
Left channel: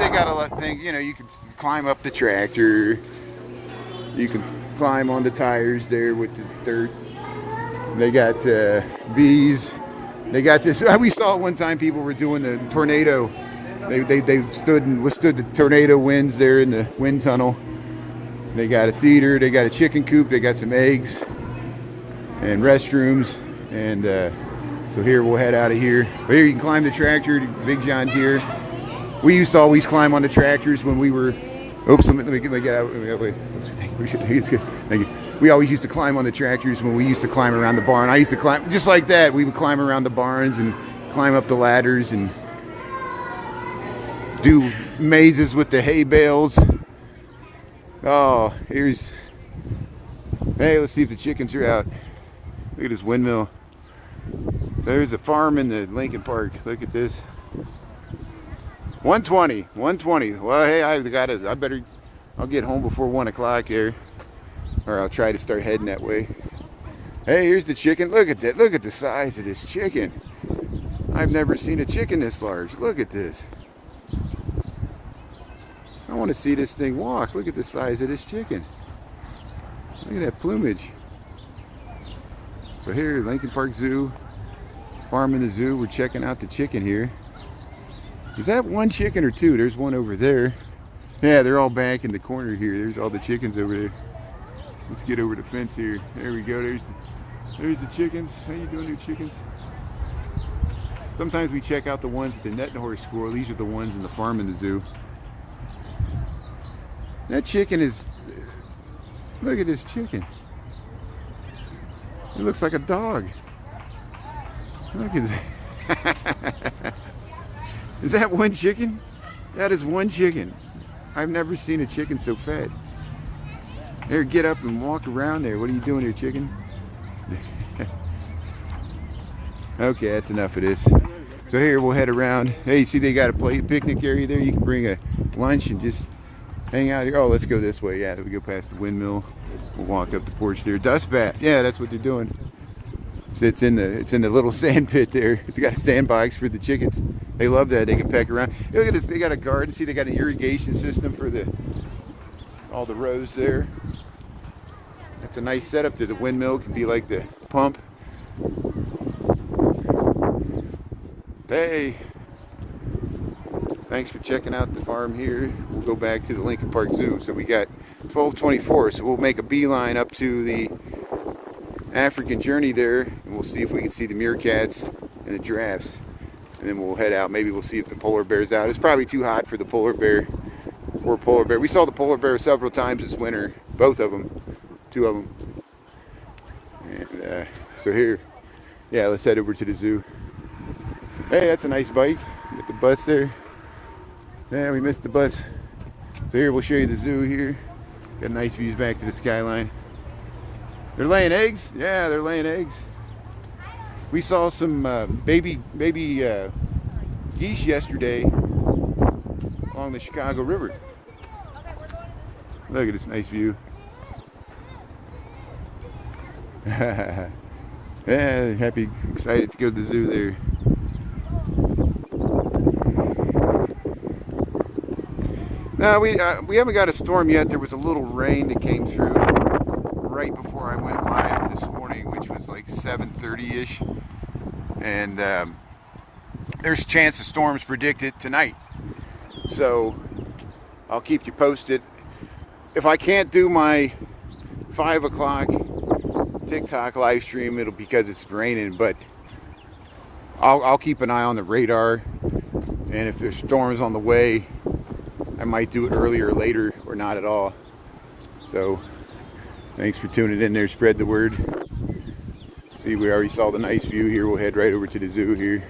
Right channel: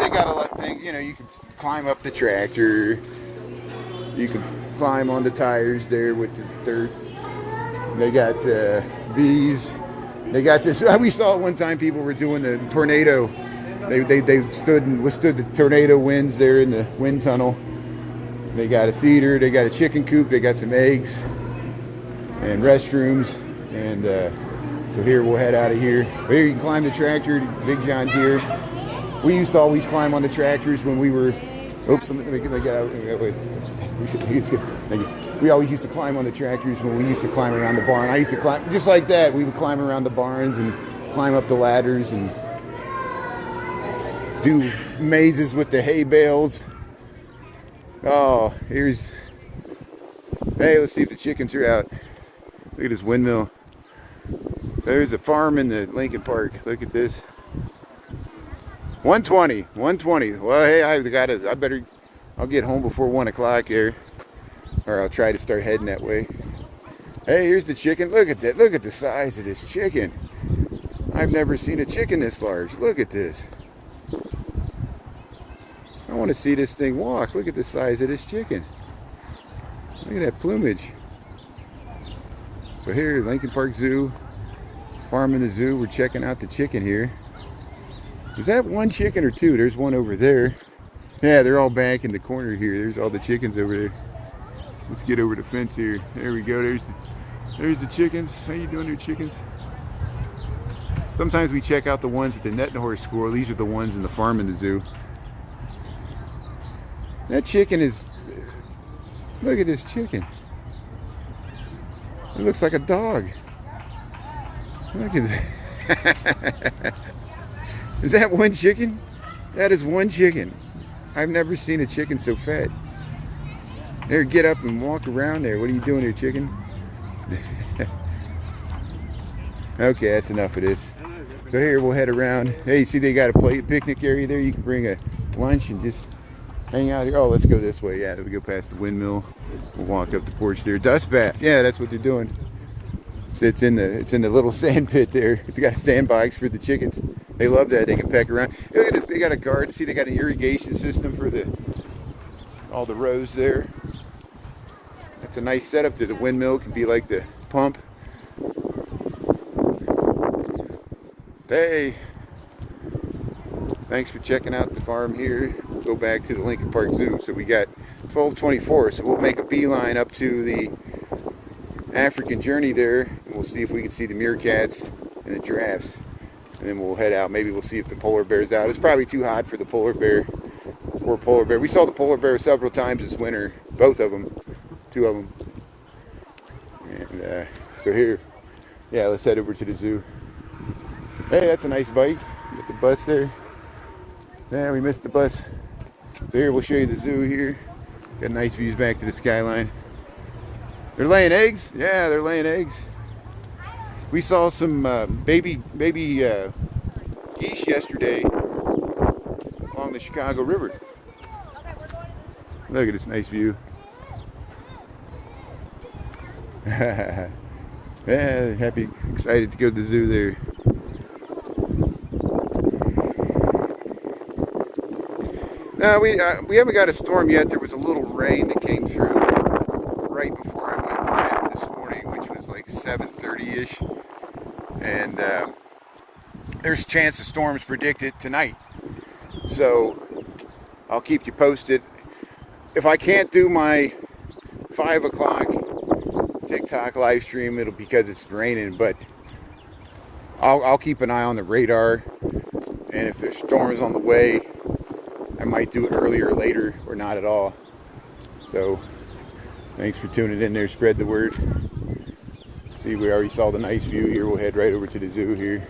They got a lot of things, you know, you can climb up the tractor. You can climb on the tires there with the dirt. They got bees. They got this. We saw it one time. People were doing the tornado. They stood and withstood the tornado winds there in the wind tunnel. They got a theater. They got a chicken coop. They got some eggs and restrooms. And so here we'll head out of here. But here you can climb the tractor. Big John Deere. We used to always climb on the tractors when we were. Oops, let me get out. Wait. Thank you. We always used to climb on the tractors when we used to climb around the barn. I used to climb just like that. We would climb around the barns and climb up the ladders and do mazes with the hay bales. Oh, here's. Hey, let's see if the chickens are out. Look at this windmill. So there's a farm in the Lincoln Park. Look at this. 120. Well, hey, I'll get home before 1 o'clock here. Or I'll try to start heading that way. Hey, here's the chicken. Look at that. Look at the size of this chicken. I've never seen a chicken this large. Look at this. I want to see this thing walk. Look at the size of this chicken. Look at that plumage. So here, Lincoln Park Zoo, Farm in the Zoo. We're checking out the chicken here. Is that one chicken or two? There's one over there. Yeah, they're all back in the corner here. There's all the chickens over there. Let's get over the fence here. There we go. There's the chickens. How you doing, your chickens? Sometimes we check out the ones at the Net and Horse School. These are the ones in the Farm in the Zoo. That chicken is... Look at this chicken. It looks like a dog. Look at that. Is that one chicken? That is one chicken. I've never seen a chicken so fat. There, get up and walk around there. What are you doing here, chicken? Okay, that's enough of this. So here, we'll head around. Hey, see they got a picnic area there. You can bring a lunch and just hang out here. Oh, let's go this way. Yeah, we go past the windmill. We'll walk up the porch there. Dust bath. Yeah, that's what they're doing. It's in the little sand pit there. It's got a sandbox for the chickens. They love that. They can peck around. Look at this. They got a garden. See, they got an irrigation system for all the rows there. That's a nice setup there. The windmill can be like the pump. Hey, thanks for checking out the farm here. We'll go back to the Lincoln Park Zoo. So we got 12:24. So we'll make a beeline up to the African journey there, and we'll see if we can see the meerkats and the giraffes, and then we'll head out. Maybe we'll see if the polar bear's out. It's probably too hot for the polar bear. Poor polar bear. We saw the polar bear several times this winter, both of them, two of them. And so here, yeah, let's head over to the zoo. Hey, that's a nice bike. Got the bus there. Yeah, we missed the bus. So here, we'll show you the zoo here. Got nice views back to the skyline. They're laying eggs? Yeah, they're laying eggs. We saw some baby geese yesterday along the Chicago River. Look at this nice view. Yeah, happy, excited to go to the zoo there. No, we haven't got a storm yet. There was a little rain that came through right before I went live this morning, which was like 7:30-ish. And there's a chance of storms predicted tonight. So I'll keep you posted. If I can't do my 5 o'clock TikTok live stream, it'll be because it's raining, but I'll keep an eye on the radar. And if there's storms on the way, I might do it earlier or later, or not at all. So thanks for tuning in there. Spread the word. See, we already saw the nice view here. We'll head right over to the zoo here.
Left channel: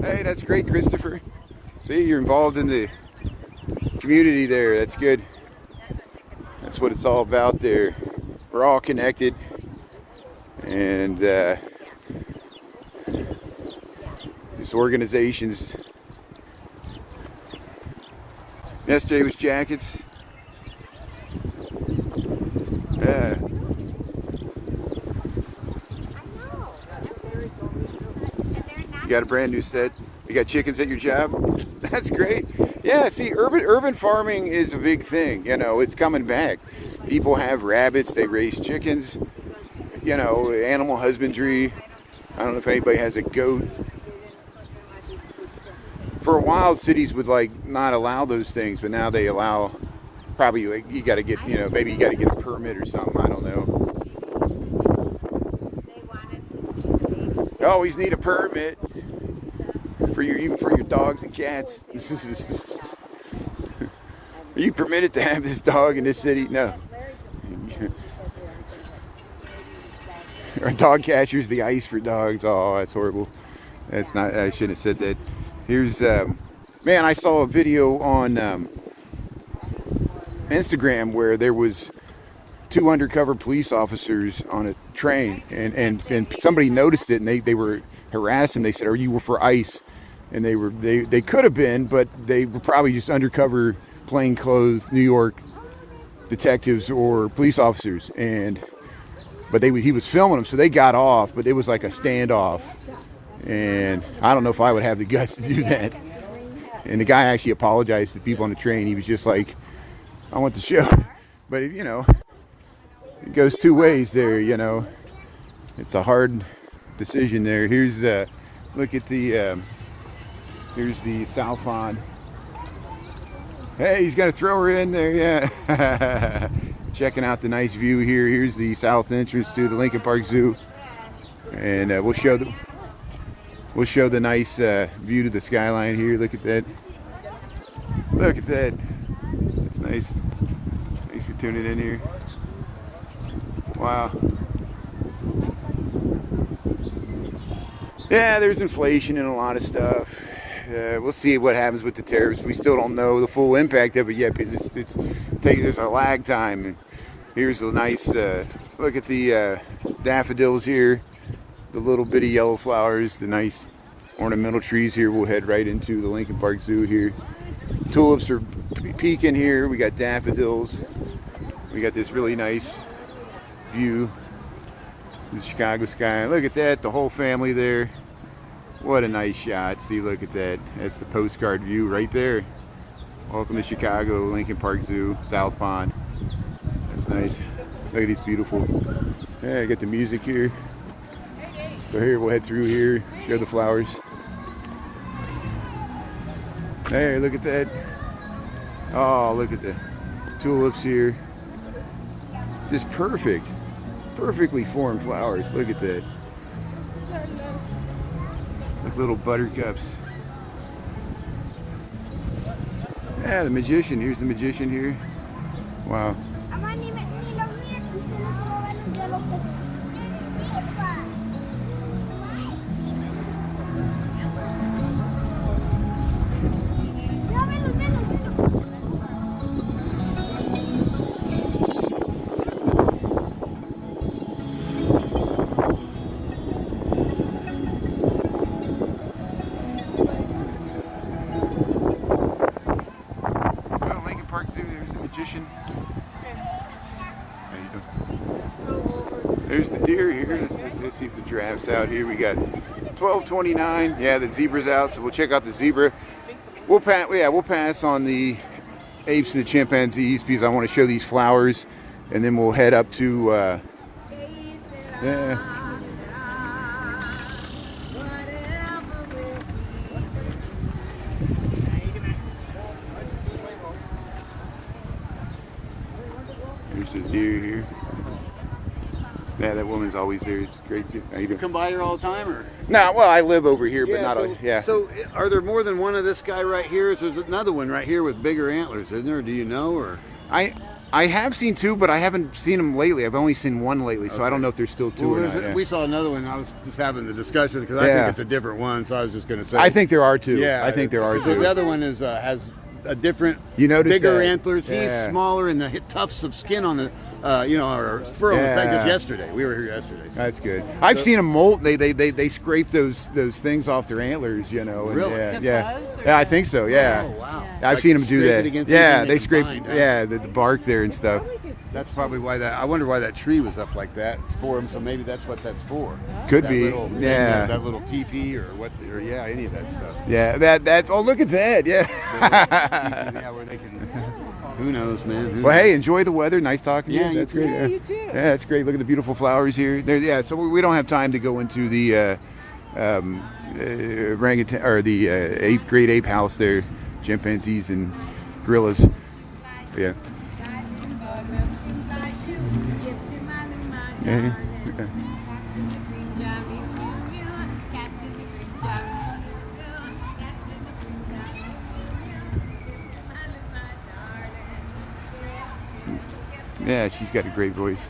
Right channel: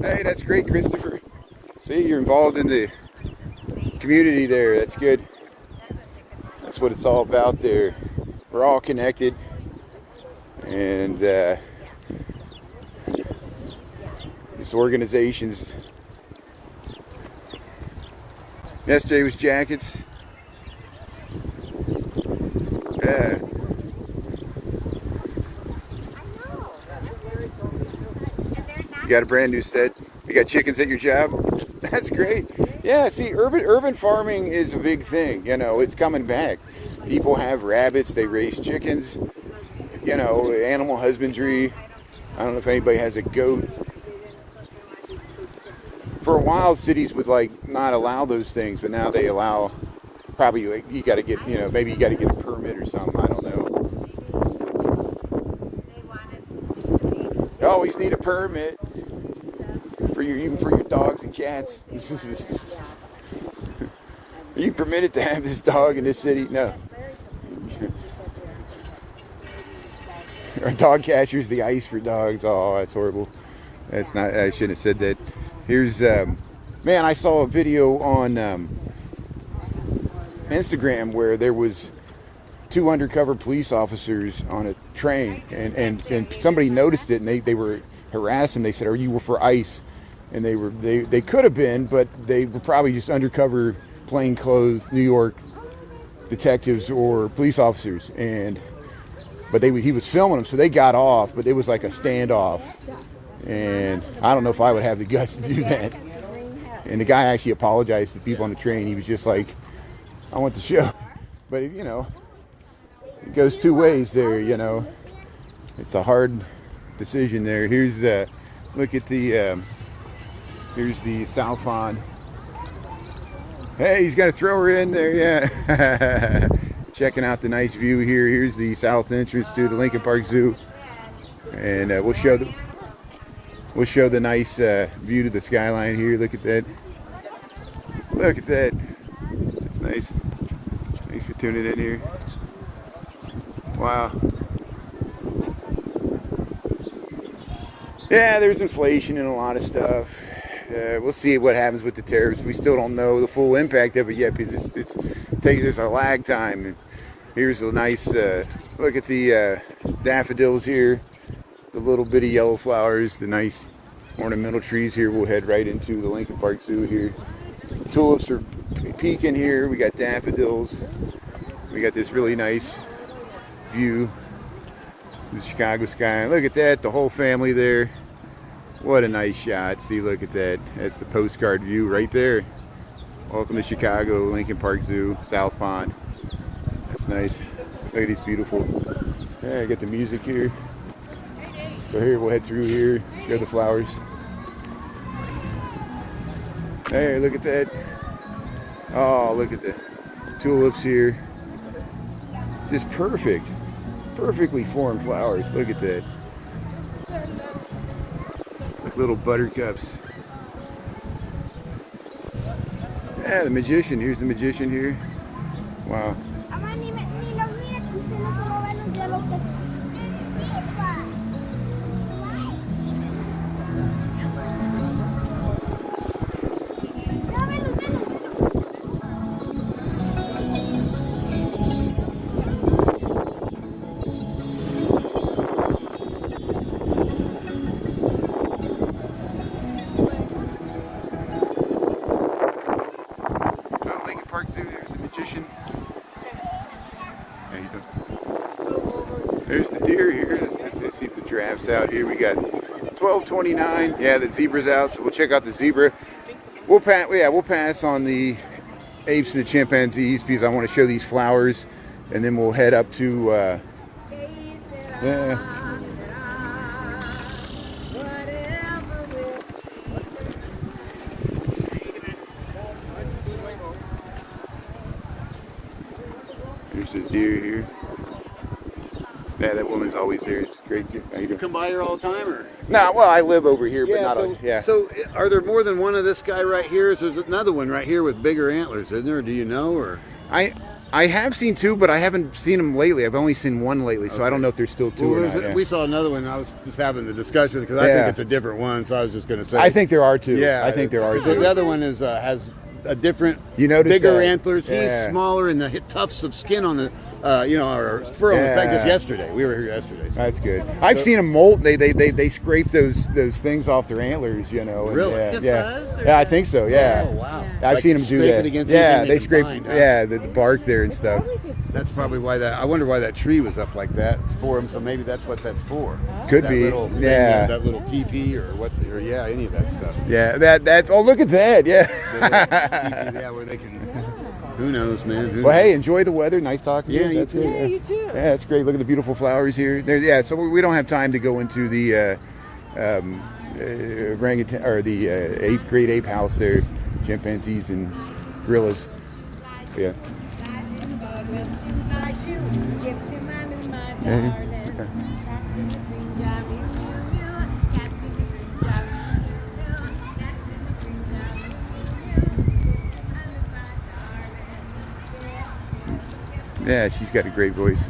Hey, that's great, Christopher. See, you're involved in the community there. That's good. That's what it's all about there. We're all connected. And these organizations. Yesterday was jackets. Yeah. You got a brand new set. You got chickens at your job? That's great. Yeah, see, urban farming is a big thing. You know, it's coming back. People have rabbits, they raise chickens, you know, animal husbandry. I don't know if anybody has a goat. For a while, cities would like not allow those things, but now they allow. Probably like you got to get, you know, maybe you got to get a permit or something. I don't know. You always need a permit for even for your dogs and cats. Are you permitted to have this dog in this city? No. Our dog catcher's the ice for dogs. Oh, that's horrible. That's not. I shouldn't have said that. Here's, man, I saw a video on Instagram where there was 2 undercover police officers on a train, and somebody noticed it, and they were harassing. They said, "Are you for ICE?" And they could have been, but they were probably just undercover plainclothes New York detectives or police officers. But he was filming them, so they got off. But it was like a standoff. And I don't know if I would have the guts to do that. And the guy actually apologized to the people on the train. He was just like, I want the show. But, you know, goes two ways there, you know. It's a hard decision there. Here's look at the here's the south pond. Hey, he's got to throw her in there, yeah. Checking out the nice view here. Here's the south entrance to the Lincoln Park Zoo, and we'll show the nice view to the skyline here. Look at that. Look at that. That's nice. Thanks for tuning in here. Wow. Yeah, there's inflation and a lot of stuff. We'll see what happens with the tariffs. We still don't know the full impact of it yet because there's a lag time. And here's a nice look at the daffodils here, the little bitty yellow flowers, the nice ornamental trees here. We'll head right into the Lincoln Park Zoo here. Tulips are peeking here. We got daffodils. We got this really nice view of the Chicago sky. Look at that, the whole family there. What a nice shot. See, look at that. That's the postcard view right there. Welcome to Chicago, Lincoln Park Zoo, South Pond. That's nice. Look at these beautiful. Yeah, I got the music here. So here, we'll head through here, show the flowers. There, look at that. Oh, look at the tulips here. Just perfect. Perfectly formed flowers. Look at that. Like little buttercups. Yeah, the magician. Here's the magician here. Wow. Park Zoo, there's the magician. How you doing? There's the deer here. Let's see the giraffes out here. We got 12:29. Yeah, the zebra's out, so we'll check out the zebra. We'll pass on the apes and the chimpanzees because I want to show these flowers, and then we'll head up to yeah. There's the deer here. Yeah, that woman's always there. It's great. How you doing? Come by here all the time, or? Nah, well, I live over here, but not yeah. So, are there more than one of this guy right here? So there's another one right here with bigger antlers, isn't there? Do you know, or? I have seen two, but I haven't seen them lately. I've only seen one lately, so I don't know if there's still two or not. Yeah. We saw another one. I was just having the discussion because I think it's a different one. So I was just going to say. I think there are two. Yeah, I think there are two. So the other one is has a different, that? bigger antlers. Yeah. He's smaller, and the tufts of skin on the, or fur on his back. Just yesterday, we were here yesterday. So. That's good. I've seen them molt. They scrape those things off their antlers. Really? Yeah, I think so. Yeah. Oh wow. Yeah. I've seen them do that. Yeah, they scrape. Find, huh? Yeah, the bark there and stuff. That's probably why that. I wonder why that tree was up like that. It's for him, so maybe that's what that's for. Could that be. Little thing, that little teepee or what? Or any of that stuff. Yeah, that's. Oh, look at that. Yeah. Teepee, where they can. Who knows, man? Well, hey, enjoy the weather. Nice talking to you. Yeah, That's great. Yeah, you too. Yeah, that's great. Look at the beautiful flowers here. Yeah, so we don't have time to go into the orangutan or the great ape house there, chimpanzees and gorillas. Yeah. Yeah, she's got a great voice.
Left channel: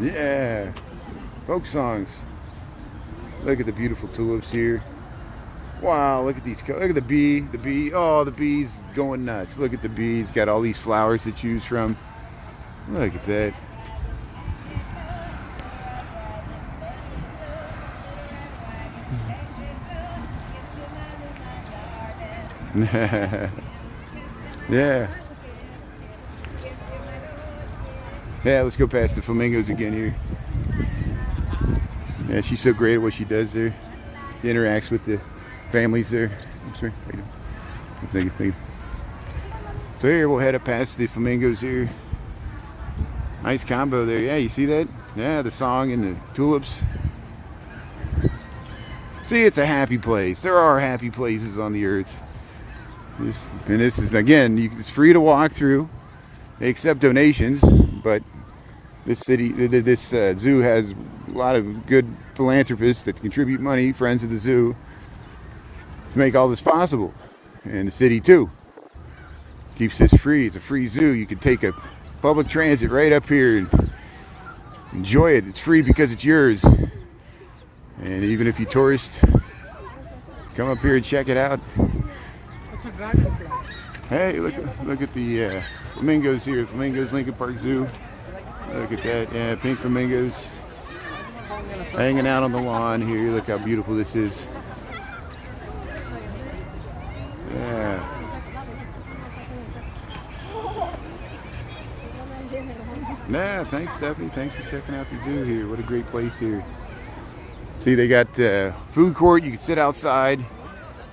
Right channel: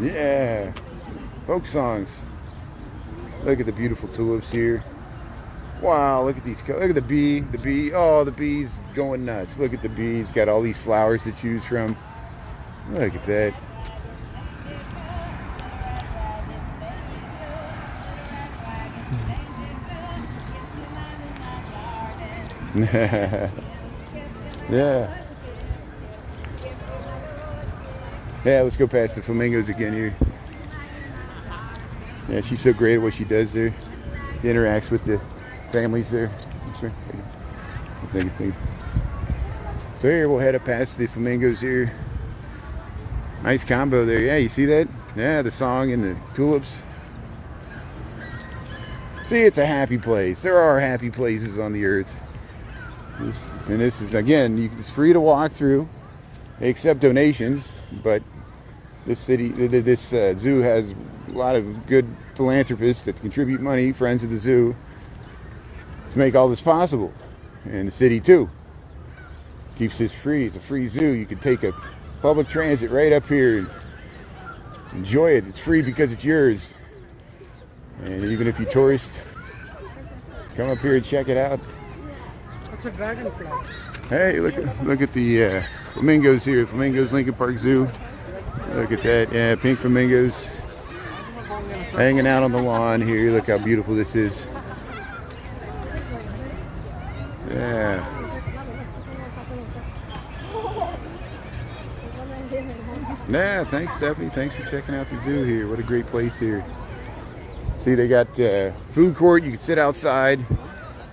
Yeah, folk songs. Look at the beautiful tulips here. Wow, look at these. Look at the bee. The bee. Oh, the bee's going nuts. Look at the bees. Got all these flowers to choose from. Look at that. Yeah. Yeah, let's go past the flamingos again here. Yeah, she's so great at what she does there. She interacts with the families there. I'm sorry. Thank you. So here we'll head up past the flamingos here. Nice combo there. Yeah, you see that? Yeah, the song and the tulips. See, it's a happy place. There are happy places on the earth. This is, again, it's free to walk through. They accept donations, but this zoo has a lot of good philanthropists that contribute money, friends of the zoo, to make all this possible. And the city too keeps this free. It's a free zoo. You can take a public transit right up here and enjoy it. It's free because it's yours. And even if you tourist, come up here and check it out. It's a dragonfly. Hey, look at the flamingos here. Flamingos, Lincoln Park Zoo. Look at that. Yeah, pink flamingos hanging out on the lawn here. Look how beautiful this is. Yeah. Yeah, thanks, Stephanie. Thanks for checking out the zoo here. What a great place here. See, they got food court. You can sit outside.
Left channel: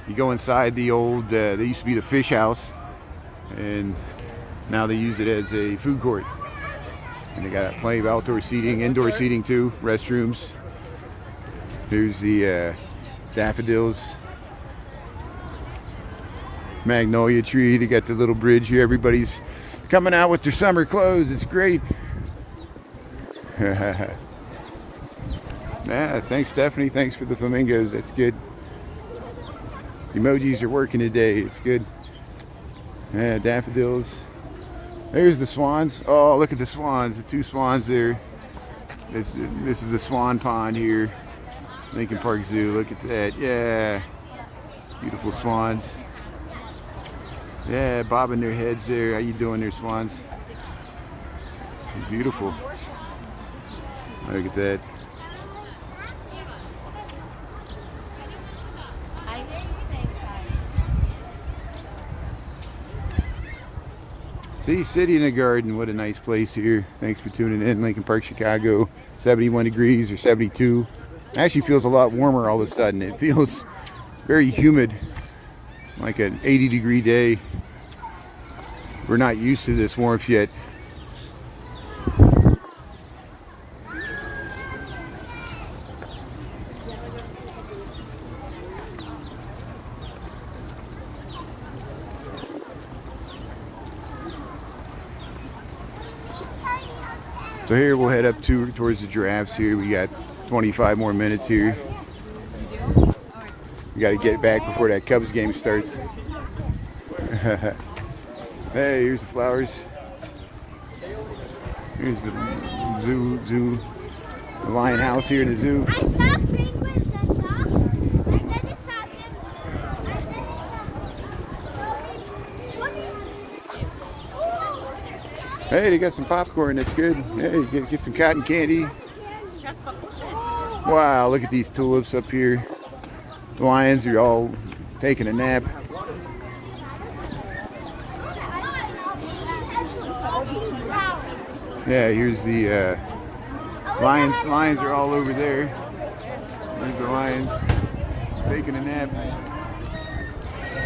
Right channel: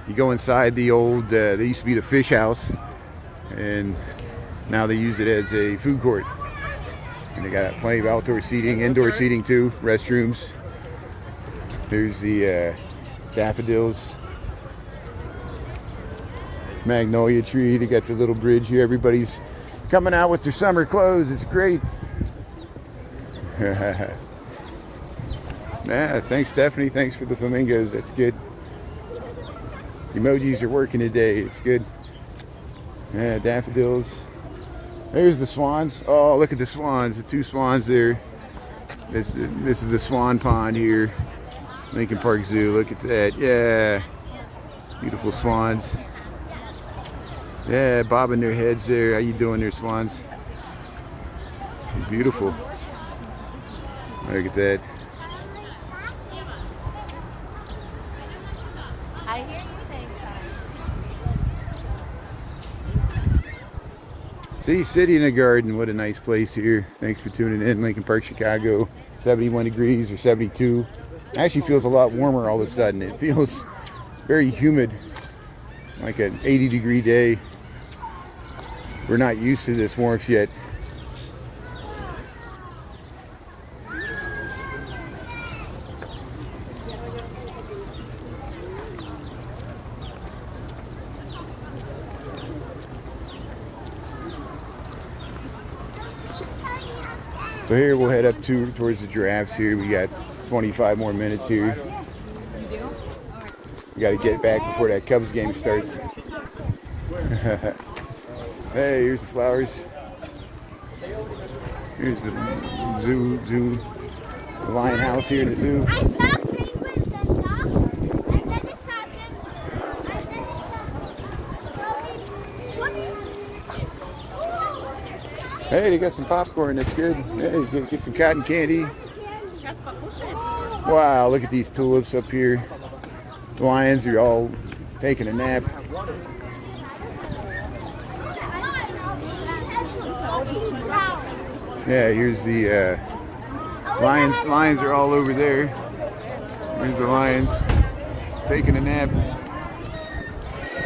You go inside the old, there used to be the fish house, and now they use it as a food court. And they got plenty of outdoor seating, indoor seating too, restrooms. There's the daffodils, magnolia tree. They got the little bridge here. Everybody's coming out with their summer clothes. It's great. Yeah, thanks, Stephanie. Thanks for the flamingos. That's good. Emojis are working today. It's good. Yeah, daffodils. There's the swans. Oh, look at the swans. The two swans there. This is the swan pond here. Lincoln Park Zoo. Look at that. Yeah. Beautiful swans. Yeah, bobbing their heads there. How you doing there, swans? Beautiful. Look at that. I hear you saying that. See, City in the Garden. What a nice place here. Thanks for tuning in. Lincoln Park, Chicago. 71 degrees or 72. Actually feels a lot warmer all of a sudden. It feels very humid, like an 80-degree day. We're not used to this warmth yet. So here we'll head up towards the giraffes here. We got 25 more minutes here. We got to get back before that Cubs game starts. Hey, here's the flowers. Here's the zoo, the lion house here in the zoo. Hey, they got some popcorn. That's good. Hey, get some cotton candy. Wow, look at these tulips up here. The lions are all taking a nap. Yeah, here's the lions. Lions are all over there. Here's the lions taking a nap.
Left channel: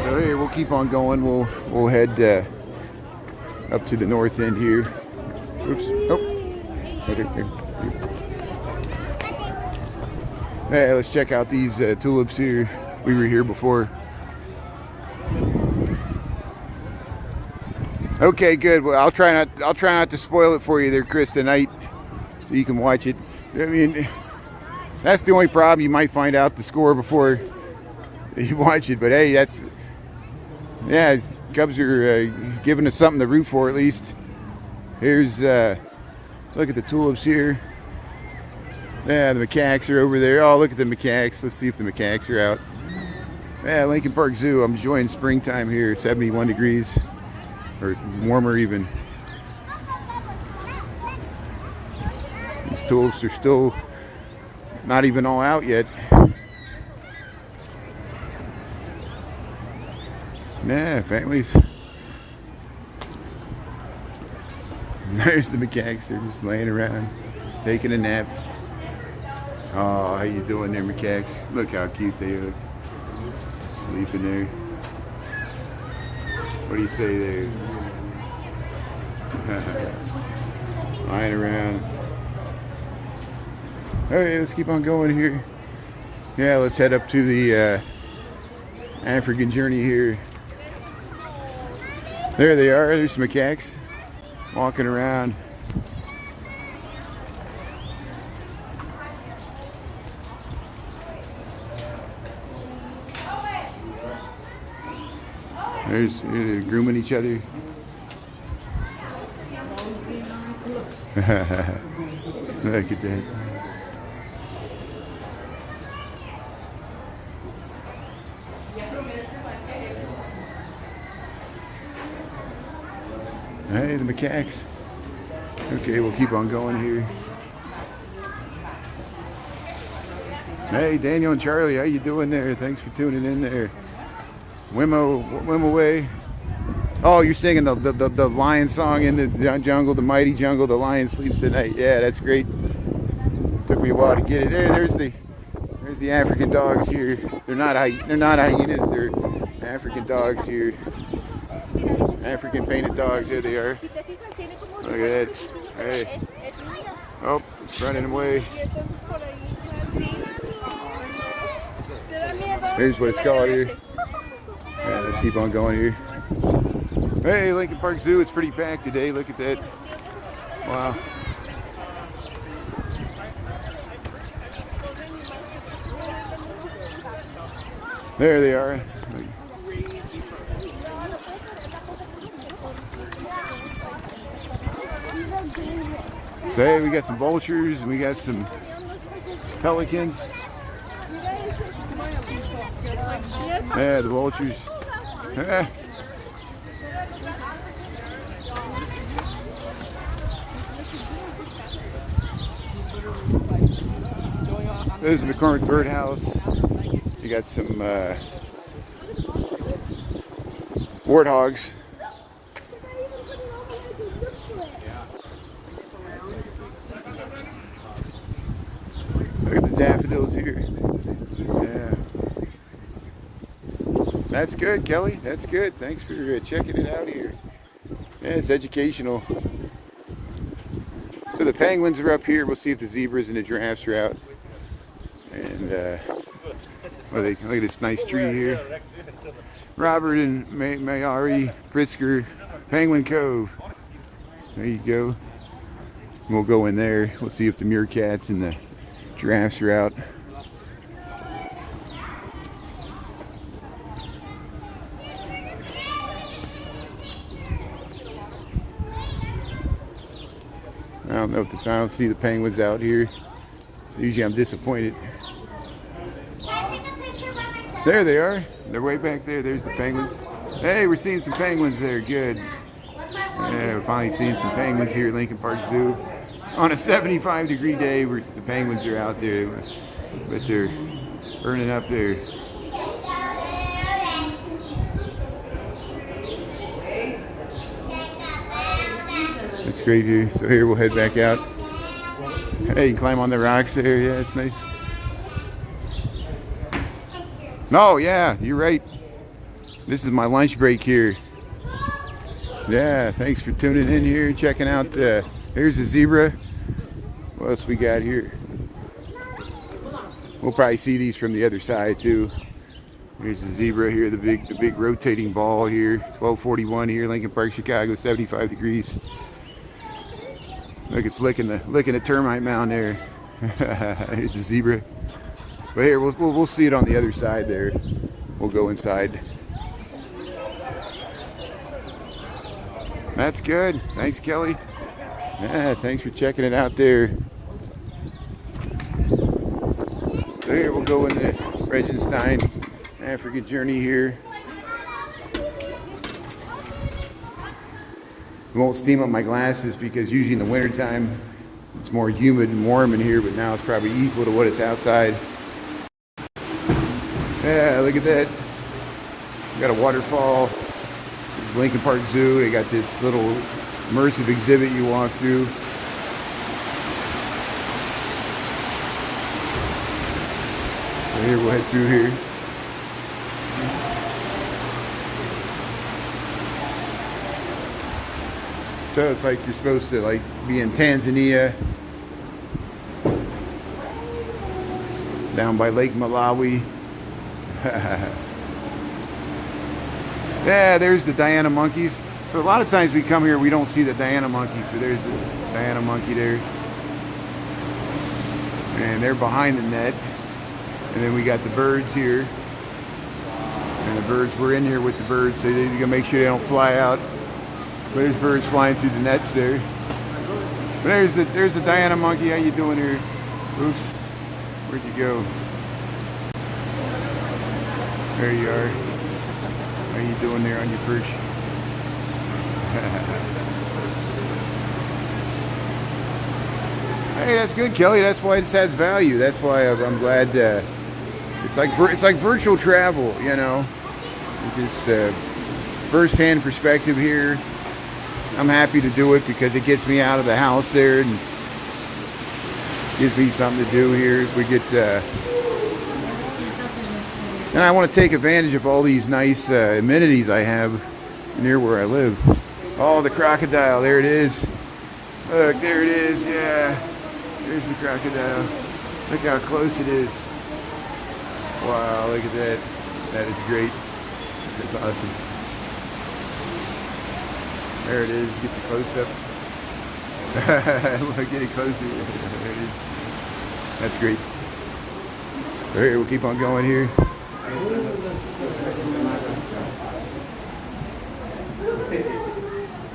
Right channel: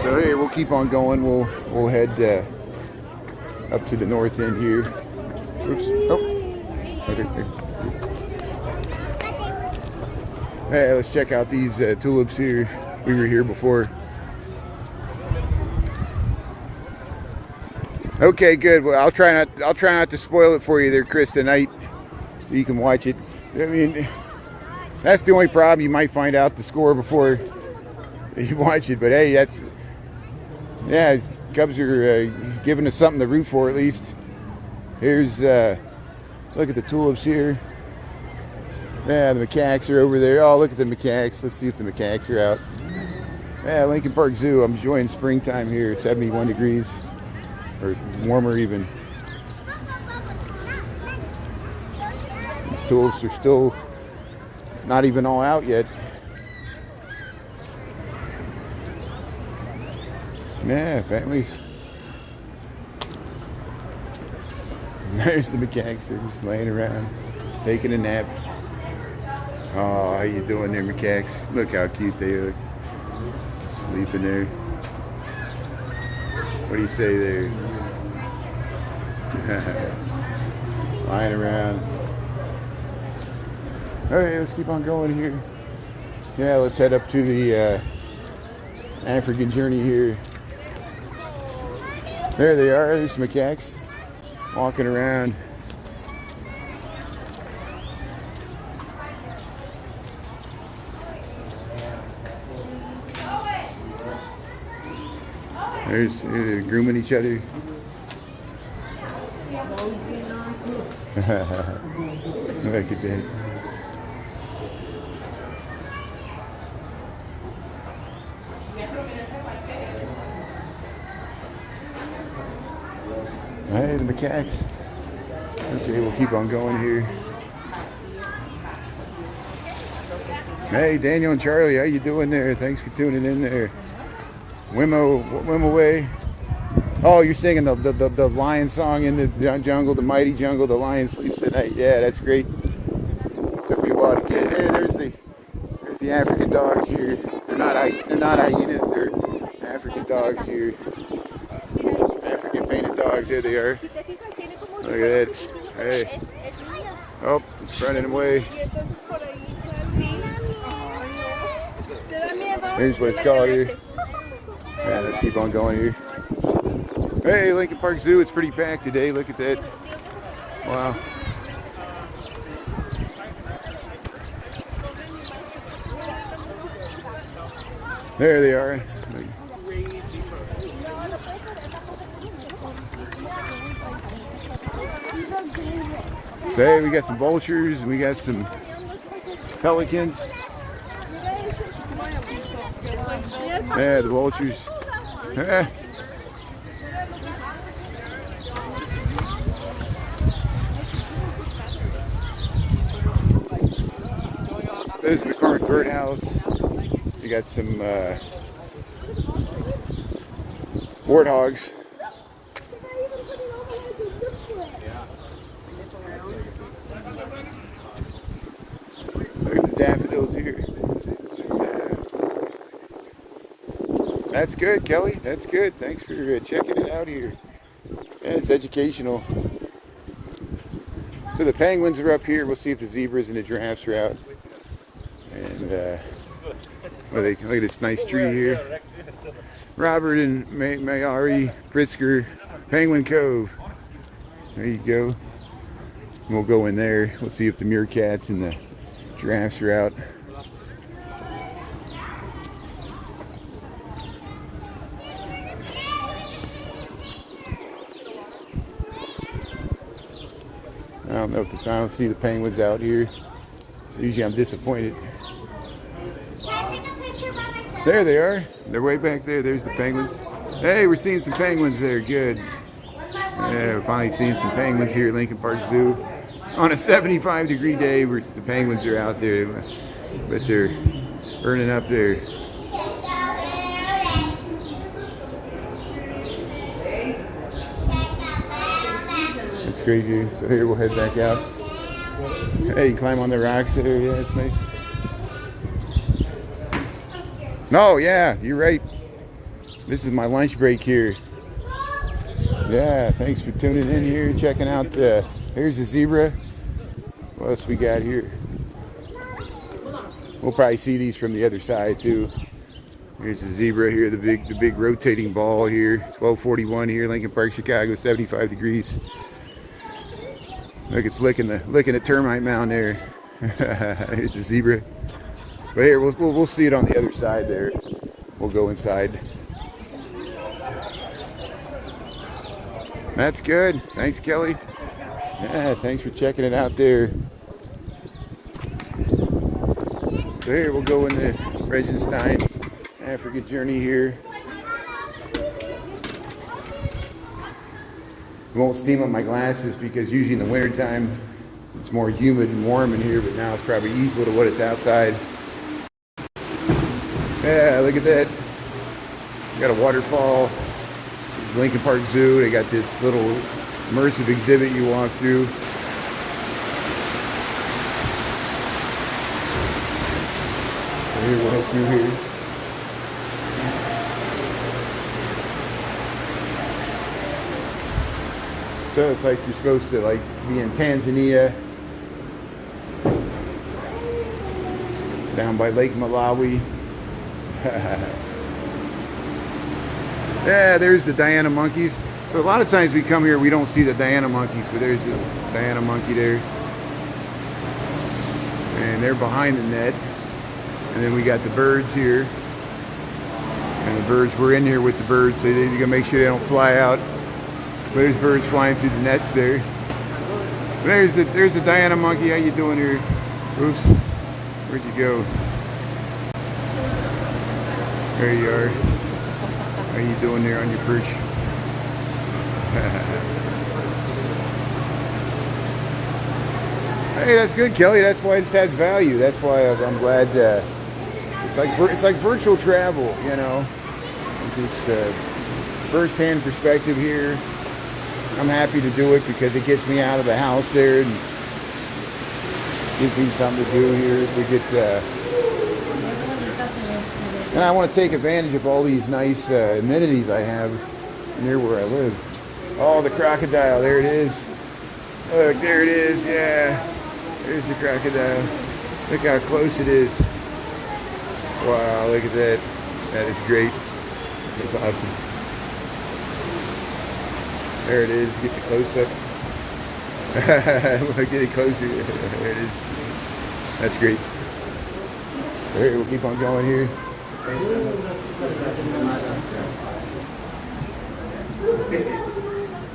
So hey, we'll keep on going. We'll head up to the north end here. Oops. Oh. There. Hey, let's check out these tulips here. We were here before. Okay, good. Well, I'll try not to spoil it for you there, Chris, tonight, so you can watch it. I mean, that's the only problem. You might find out the score before you watch it, but hey, yeah, Cubs are giving us something to root for at least. Here's look at the tulips here. Yeah, the macaques are over there. Oh, look at the macaques. Let's see if the macaques are out. Yeah, Lincoln Park Zoo. I'm enjoying springtime here. 71 degrees. Or warmer even. These tulips are still not even all out yet. Yeah, families. There's the macaques. They're just laying around, taking a nap. Oh, how you doing there, macaques? Look how cute they look. Sleeping there. What do you say there? Flying around. Alright, let's keep on going here. Yeah, let's head up to the African journey here. There they are. There's some macaques walking around. They're grooming each other. Look at that. Hey, the macaques. Okay, we'll keep on going here. Hey, Daniel and Charlie, how you doing there? Thanks for tuning in there. Wimmo way. Oh, you're singing the lion song in the jungle, the mighty jungle, the lion sleeps at night. Yeah, that's great. Took me a while to get it. There's the African dogs here. They're not hyenas. They're African dogs here. African painted dogs. There they are. Look at that. Hey. Oh, it's running away. Here's what it's called here. Yeah, let's keep on going here. Hey, Lincoln Park Zoo. It's pretty packed today. Look at that. Wow. There they are. Hey, we got some vultures and we got some pelicans. Yeah, the vultures. Yeah. This is the current birdhouse. We got some warthogs. Look at the daffodils here. Yeah. That's good, Kelly. That's good. Thanks for checking it out here. Yeah, it's educational. So the penguins are up here. We'll see if the zebras and the giraffes are out. And look at this nice tree here. Robert and Mayari, Pritzker, Penguin Cove. There you go. We'll go in there. We'll see if the meerkats and the giraffes are out. I don't know if I don't see the penguins out here. Usually I'm disappointed. There they are. They're way back there. There's the penguins. Hey, we're seeing some penguins there. Good. Yeah, we're finally seeing some penguins here at Lincoln Park Zoo. On a 75-degree day, the penguins are out there, but they're burning up there. It's great here. So here we'll head back out. Hey, you can climb on the rocks there. Yeah, it's nice. No, yeah, you're right. This is my lunch break here. Yeah, thanks for tuning in here, checking out. Here's a zebra. What else we got here? We'll probably see these from the other side too. Here's the zebra here, the big rotating ball here. 1241 here, Lincoln Park, Chicago, 75 degrees. Look, it's licking the termite mound there. Here's the zebra. But here, we'll see it on the other side there. We'll go inside. That's good. Thanks, Kelly. Yeah, thanks for checking it out there. So here, we'll go in the Regenstein African journey here. I won't steam up my glasses because usually in the wintertime it's more humid and warm in here, but now it's probably equal to what it's outside. Yeah, look at that. You got a waterfall. Lincoln Park Zoo. They got this little immersive exhibit you walk through. So here, we'll head through here. So it's like you're supposed to like be in Tanzania, down by Lake Malawi. Yeah, there's the Diana monkeys. So a lot of times we come here, we don't see the Diana monkeys, but there's the Diana monkey there. And they're behind the net. And then we got the birds here. And the birds, we're in here with the birds, so you gotta make sure they don't fly out. But there's birds flying through the nets there. But there's the Diana monkey. How you doing here? Oops. Where'd you go? There you are. How you doing there on your perch? Hey, that's good, Kelly. That's why this has value. That's why I'm glad. It's like virtual travel, you know. Just first-hand perspective here. I'm happy to do it because it gets me out of the house there and gives me something to do here. We get, and I want to take advantage of all these nice amenities I have near where I live. Oh, the crocodile! There it is. Look, there it is. Yeah, there's the crocodile. Look how close it is. Wow, look at that. That is great. That's awesome. There it is. Get the close up. Get it closer. There it is. That's great. All right, we'll keep on going here.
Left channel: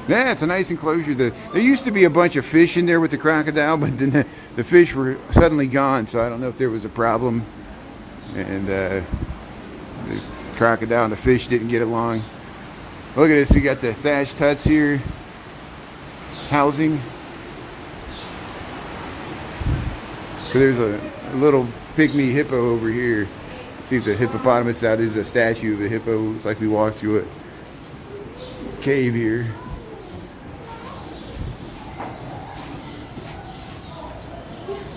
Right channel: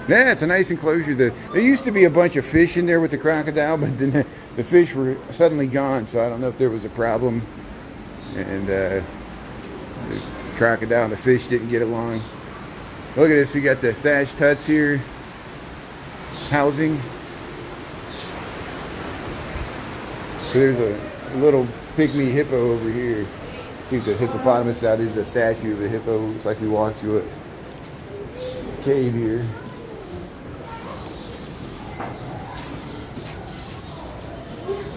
Yeah, it's a nice enclosure. There used to be a bunch of fish in there with the crocodile, but then the fish were suddenly gone, so I don't know if there was a problem. And the crocodile and the fish didn't get along. Look at this, we got the thatched huts here. Housing. So there's a little pygmy hippo over here. See the hippopotamus out. There's a statue of a hippo. Looks like we walked through a cave here.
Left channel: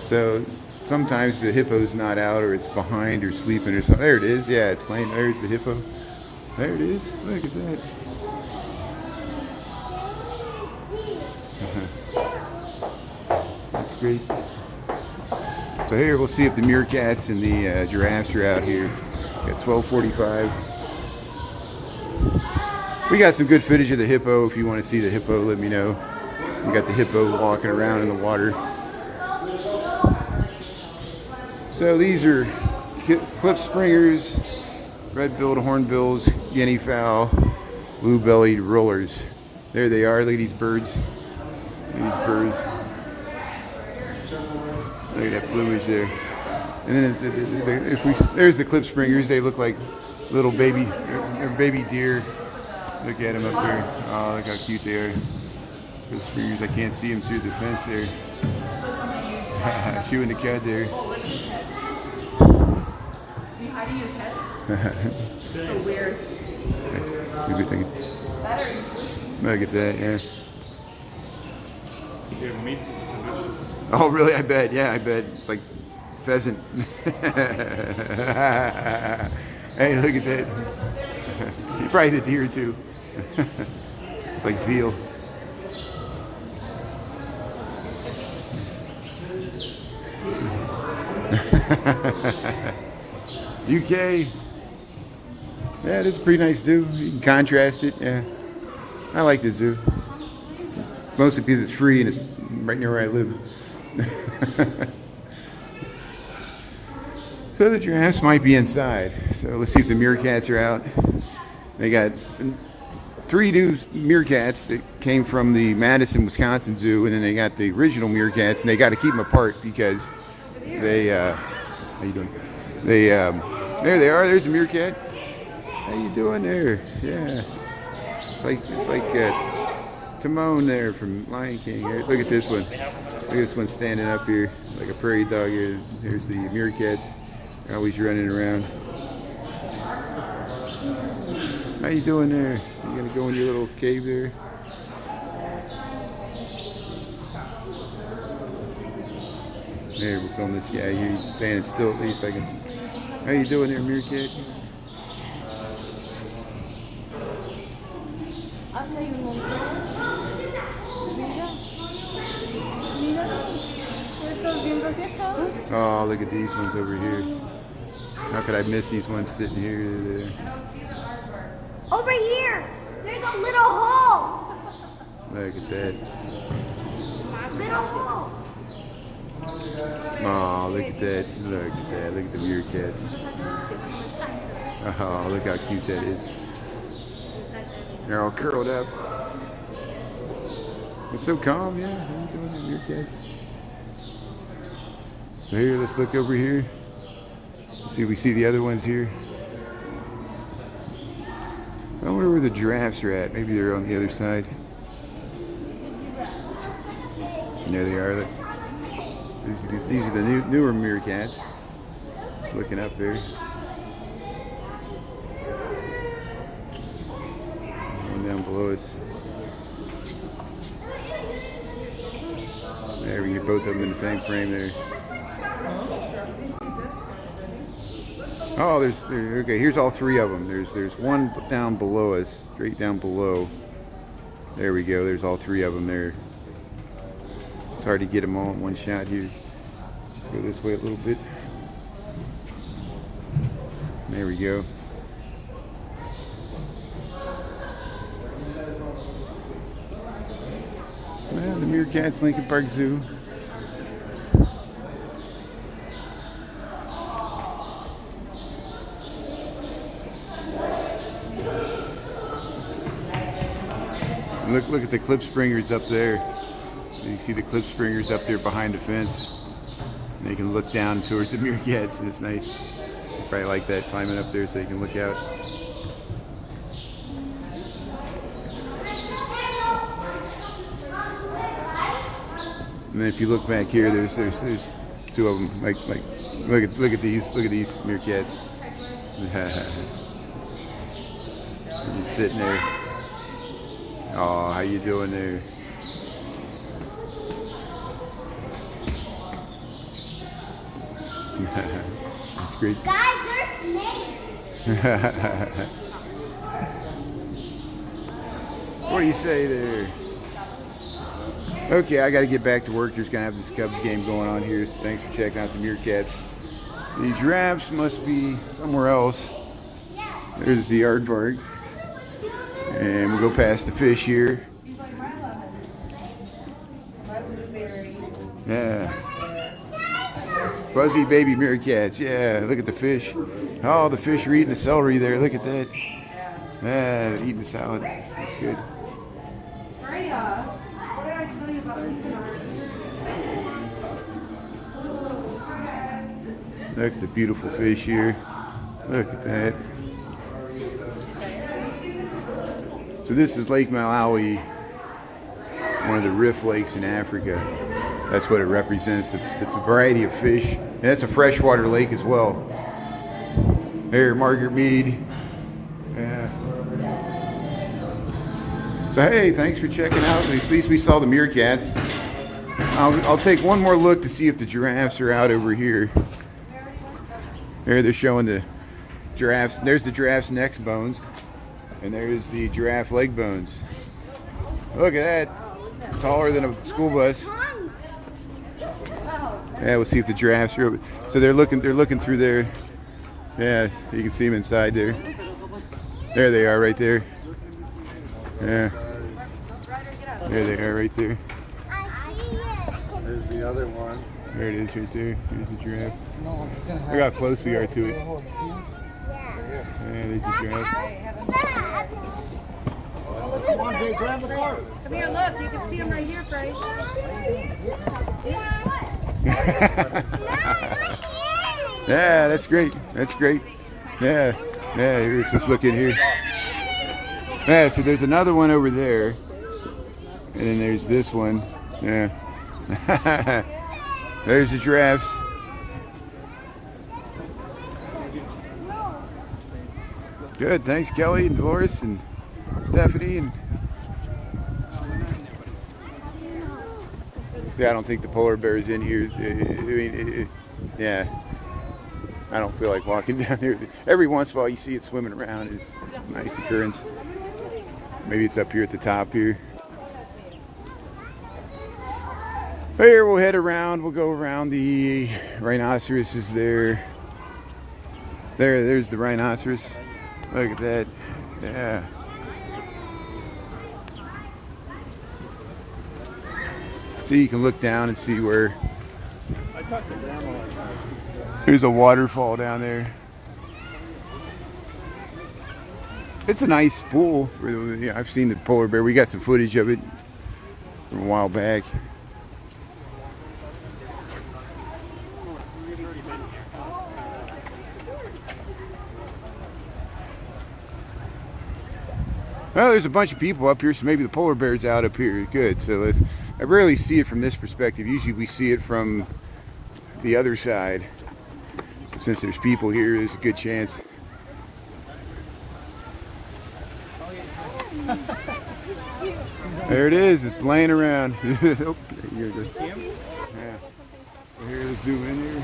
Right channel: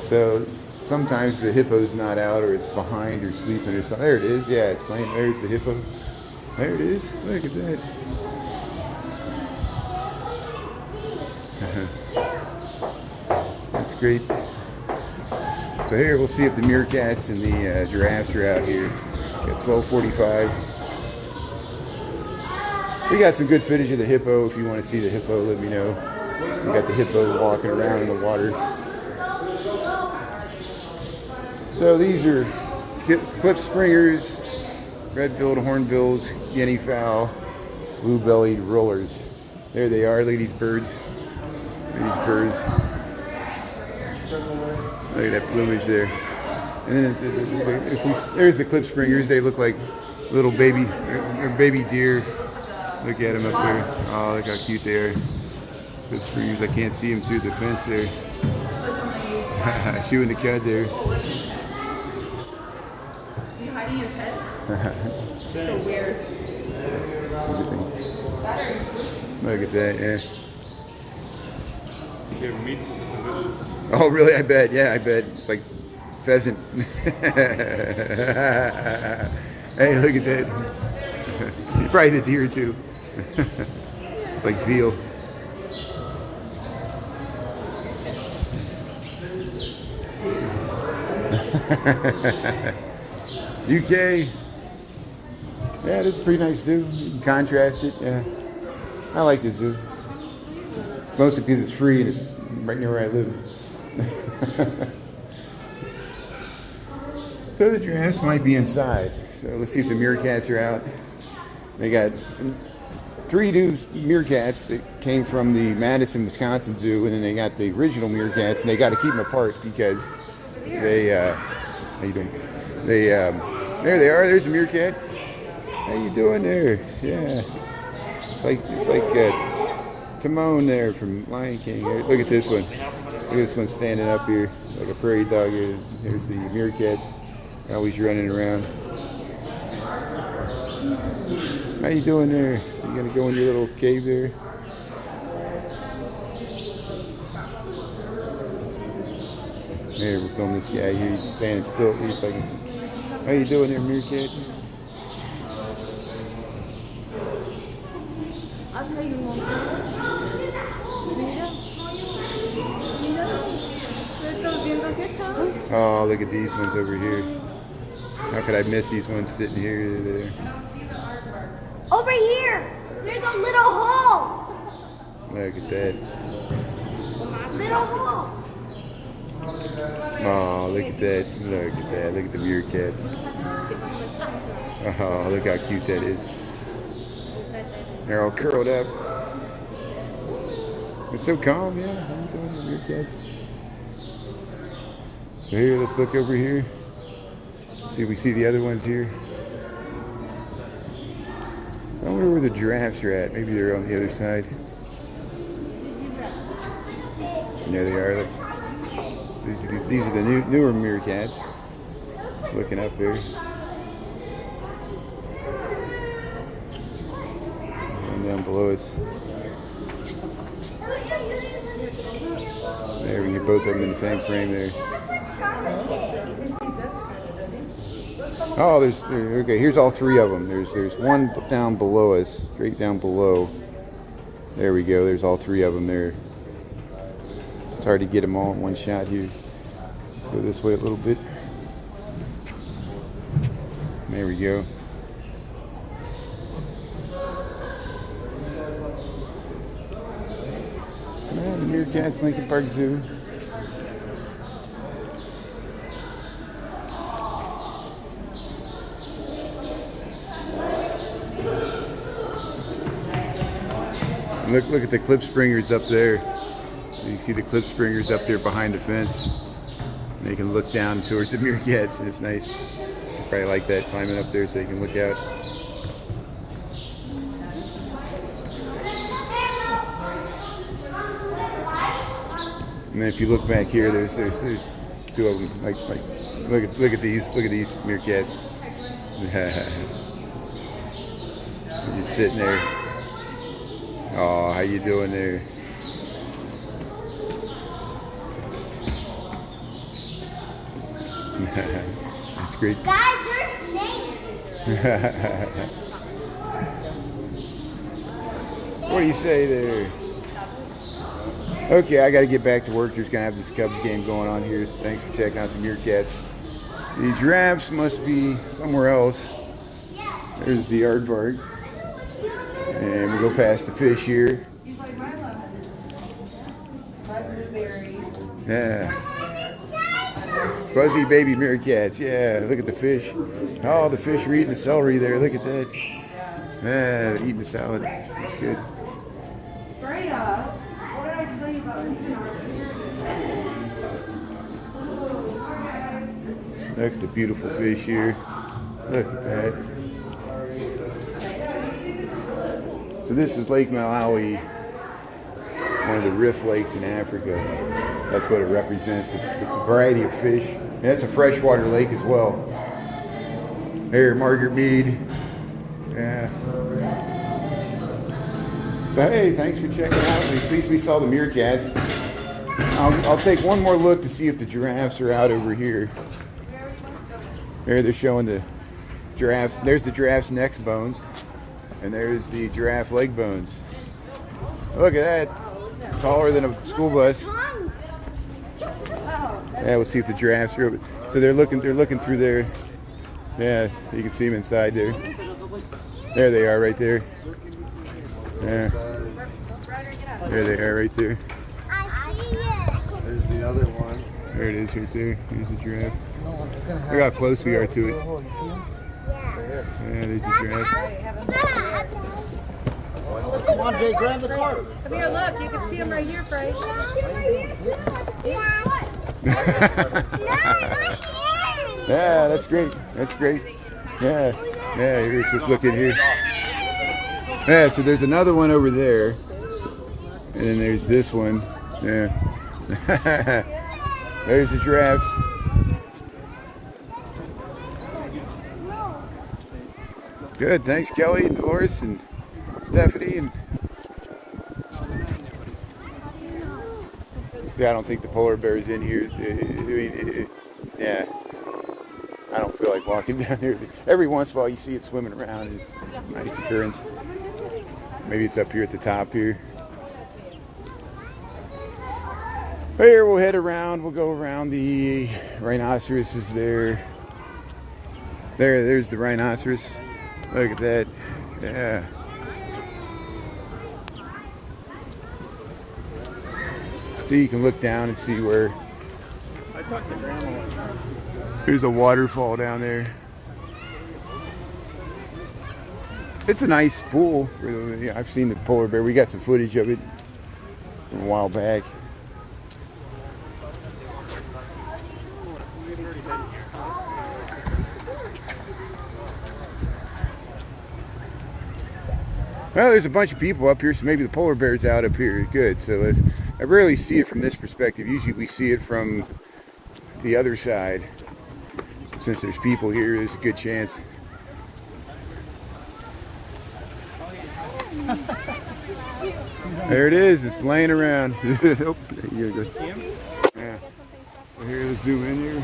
So sometimes the hippo's not out, or it's behind, or sleeping, or something. There it is. Yeah, it's laying. There's the hippo. There it is. Look at that. That's great. So here we'll see if the meerkats and the giraffes are out here at 12:45. We got some good footage of the hippo. If you want to see the hippo, let me know. We got the hippo walking around in the water. So these are clip springers, red-billed hornbills, guinea fowl, blue-bellied rollers. There they are. Look at these birds. Look at these birds. Look at that plumage there. And then there's the clip springers. They look like little baby, they're baby deer. Look at them up there. Oh, look how cute they are. Clip springers. I can't see them through the fence there. Chewing the cud there. You hiding his head? So weird. Look at that there. Oh, really? I bet. Yeah, I bet. It's like pheasant. Hey, look at that. Probably the deer, too. It's like veal. UK. Yeah, it's a pretty nice zoo. You can contrast it. Yeah, I like the zoo. Mostly because it's free and it's right near where I live. So the giraffes might be inside. So let's see if the meerkats are out. They got 3 new meerkats that came from the Madison, Wisconsin zoo, and then they got the original meerkats, and they got to keep them apart because they. How you doing? They. There they are. There's a meerkat. How you doing there? Yeah. It's like Timon there from Lion King. Look at this one. Look at this one standing up here like a prairie dog here. There's the meerkats. Always running around. How you doing there? You gonna go in your little cave there? There, we'll film this guy here. He's standing still at least. How you doing there, meerkat? Oh, look at these ones over here. How could I miss these ones sitting here? There. Over here, there's a little hole. Look at that. Little hole. Oh, look at that. Look at that. Look at the meerkats. Oh, look how cute that is. They're all curled up. It's so calm, yeah. How you doing, the meerkats? So here, let's look over here. See if we see the other ones here. I wonder where the giraffes are at. Maybe they're on the other side. There they are. Look. These are the newer meerkats. Just looking up there. One down below us. There, we can get both of them in the same frame there. Oh, okay, here's all three of them. There's one down below us, straight down below. There we go, there's all three of them there. It's hard to get them all in one shot here. Go this way a little bit. There we go. Yeah, the meerkats, Lincoln Park Zoo. Look at the clip springers up there. You can see the clip springers up there behind the fence. And they can look down towards the meerkats, and it's nice. They probably like that, climbing up there so they can look out. And then if you look back here, there's two of them. Like look at these meerkats. They're just sitting there. Oh, how you doing there? That's great. Guys, there's snakes. What do you say there? Okay, I got to get back to work. There's going to have this Cubs game going on here, so thanks for checking out the meerkats. The giraffes must be somewhere else. There's the aardvark. And we go past the fish here. Yeah. Fuzzy baby meerkats. Yeah, look at the fish. Oh, the fish are eating the celery there. Look at that. Yeah, they're eating the salad. That's good. Look at the beautiful fish here. Look at that. So this is Lake Malawi, one of the rift lakes in Africa. That's what it represents, the variety of fish. And that's a freshwater lake as well. Here, Margaret Mead. Yeah. So hey, thanks for checking out. At least we saw the meerkats. I'll take one more look to see if the giraffes are out over here. There they're showing the giraffes. There's the giraffe's neck bones. And there's the giraffe leg bones. Look at that. Taller than a school bus. Yeah, we'll see if the giraffes are over. So they're looking through there. Yeah, you can see them inside there. There they are right there. Yeah. There they are right there. There's the other one. There it is right there. Here's the giraffe. Look how close we are to it. Yeah, there's the giraffe. Come here, look. You can see them right here, Frank. Yeah, that's great. That's great. Yeah, yeah. Let's just look in here. Yeah, so there's another one over there, and then there's this one. Yeah. There's the giraffes. Good. Thanks, Kelly and Dolores and Stephanie. And see, I don't think the polar bear is in here. Yeah. I don't feel like walking down there. Every once in a while you see it swimming around. It's a nice occurrence. Maybe it's up here at the top here. Here, we'll head around. We'll go around the rhinoceroses there. There's the rhinoceros. Look at that. Yeah. So you can look down and see where. I talked to Grandma. There's a waterfall down there. It's a nice pool. Yeah, I've seen the polar bear. We got some footage of it a while back. Well, there's a bunch of people up here, so maybe the polar bear's out up here. Good. So I rarely see it from this perspective. Usually we see it from the other side. Since there's people here, there's a good chance. There it is. It's laying around. Oh, there you go. Yeah. So here we zoom in here.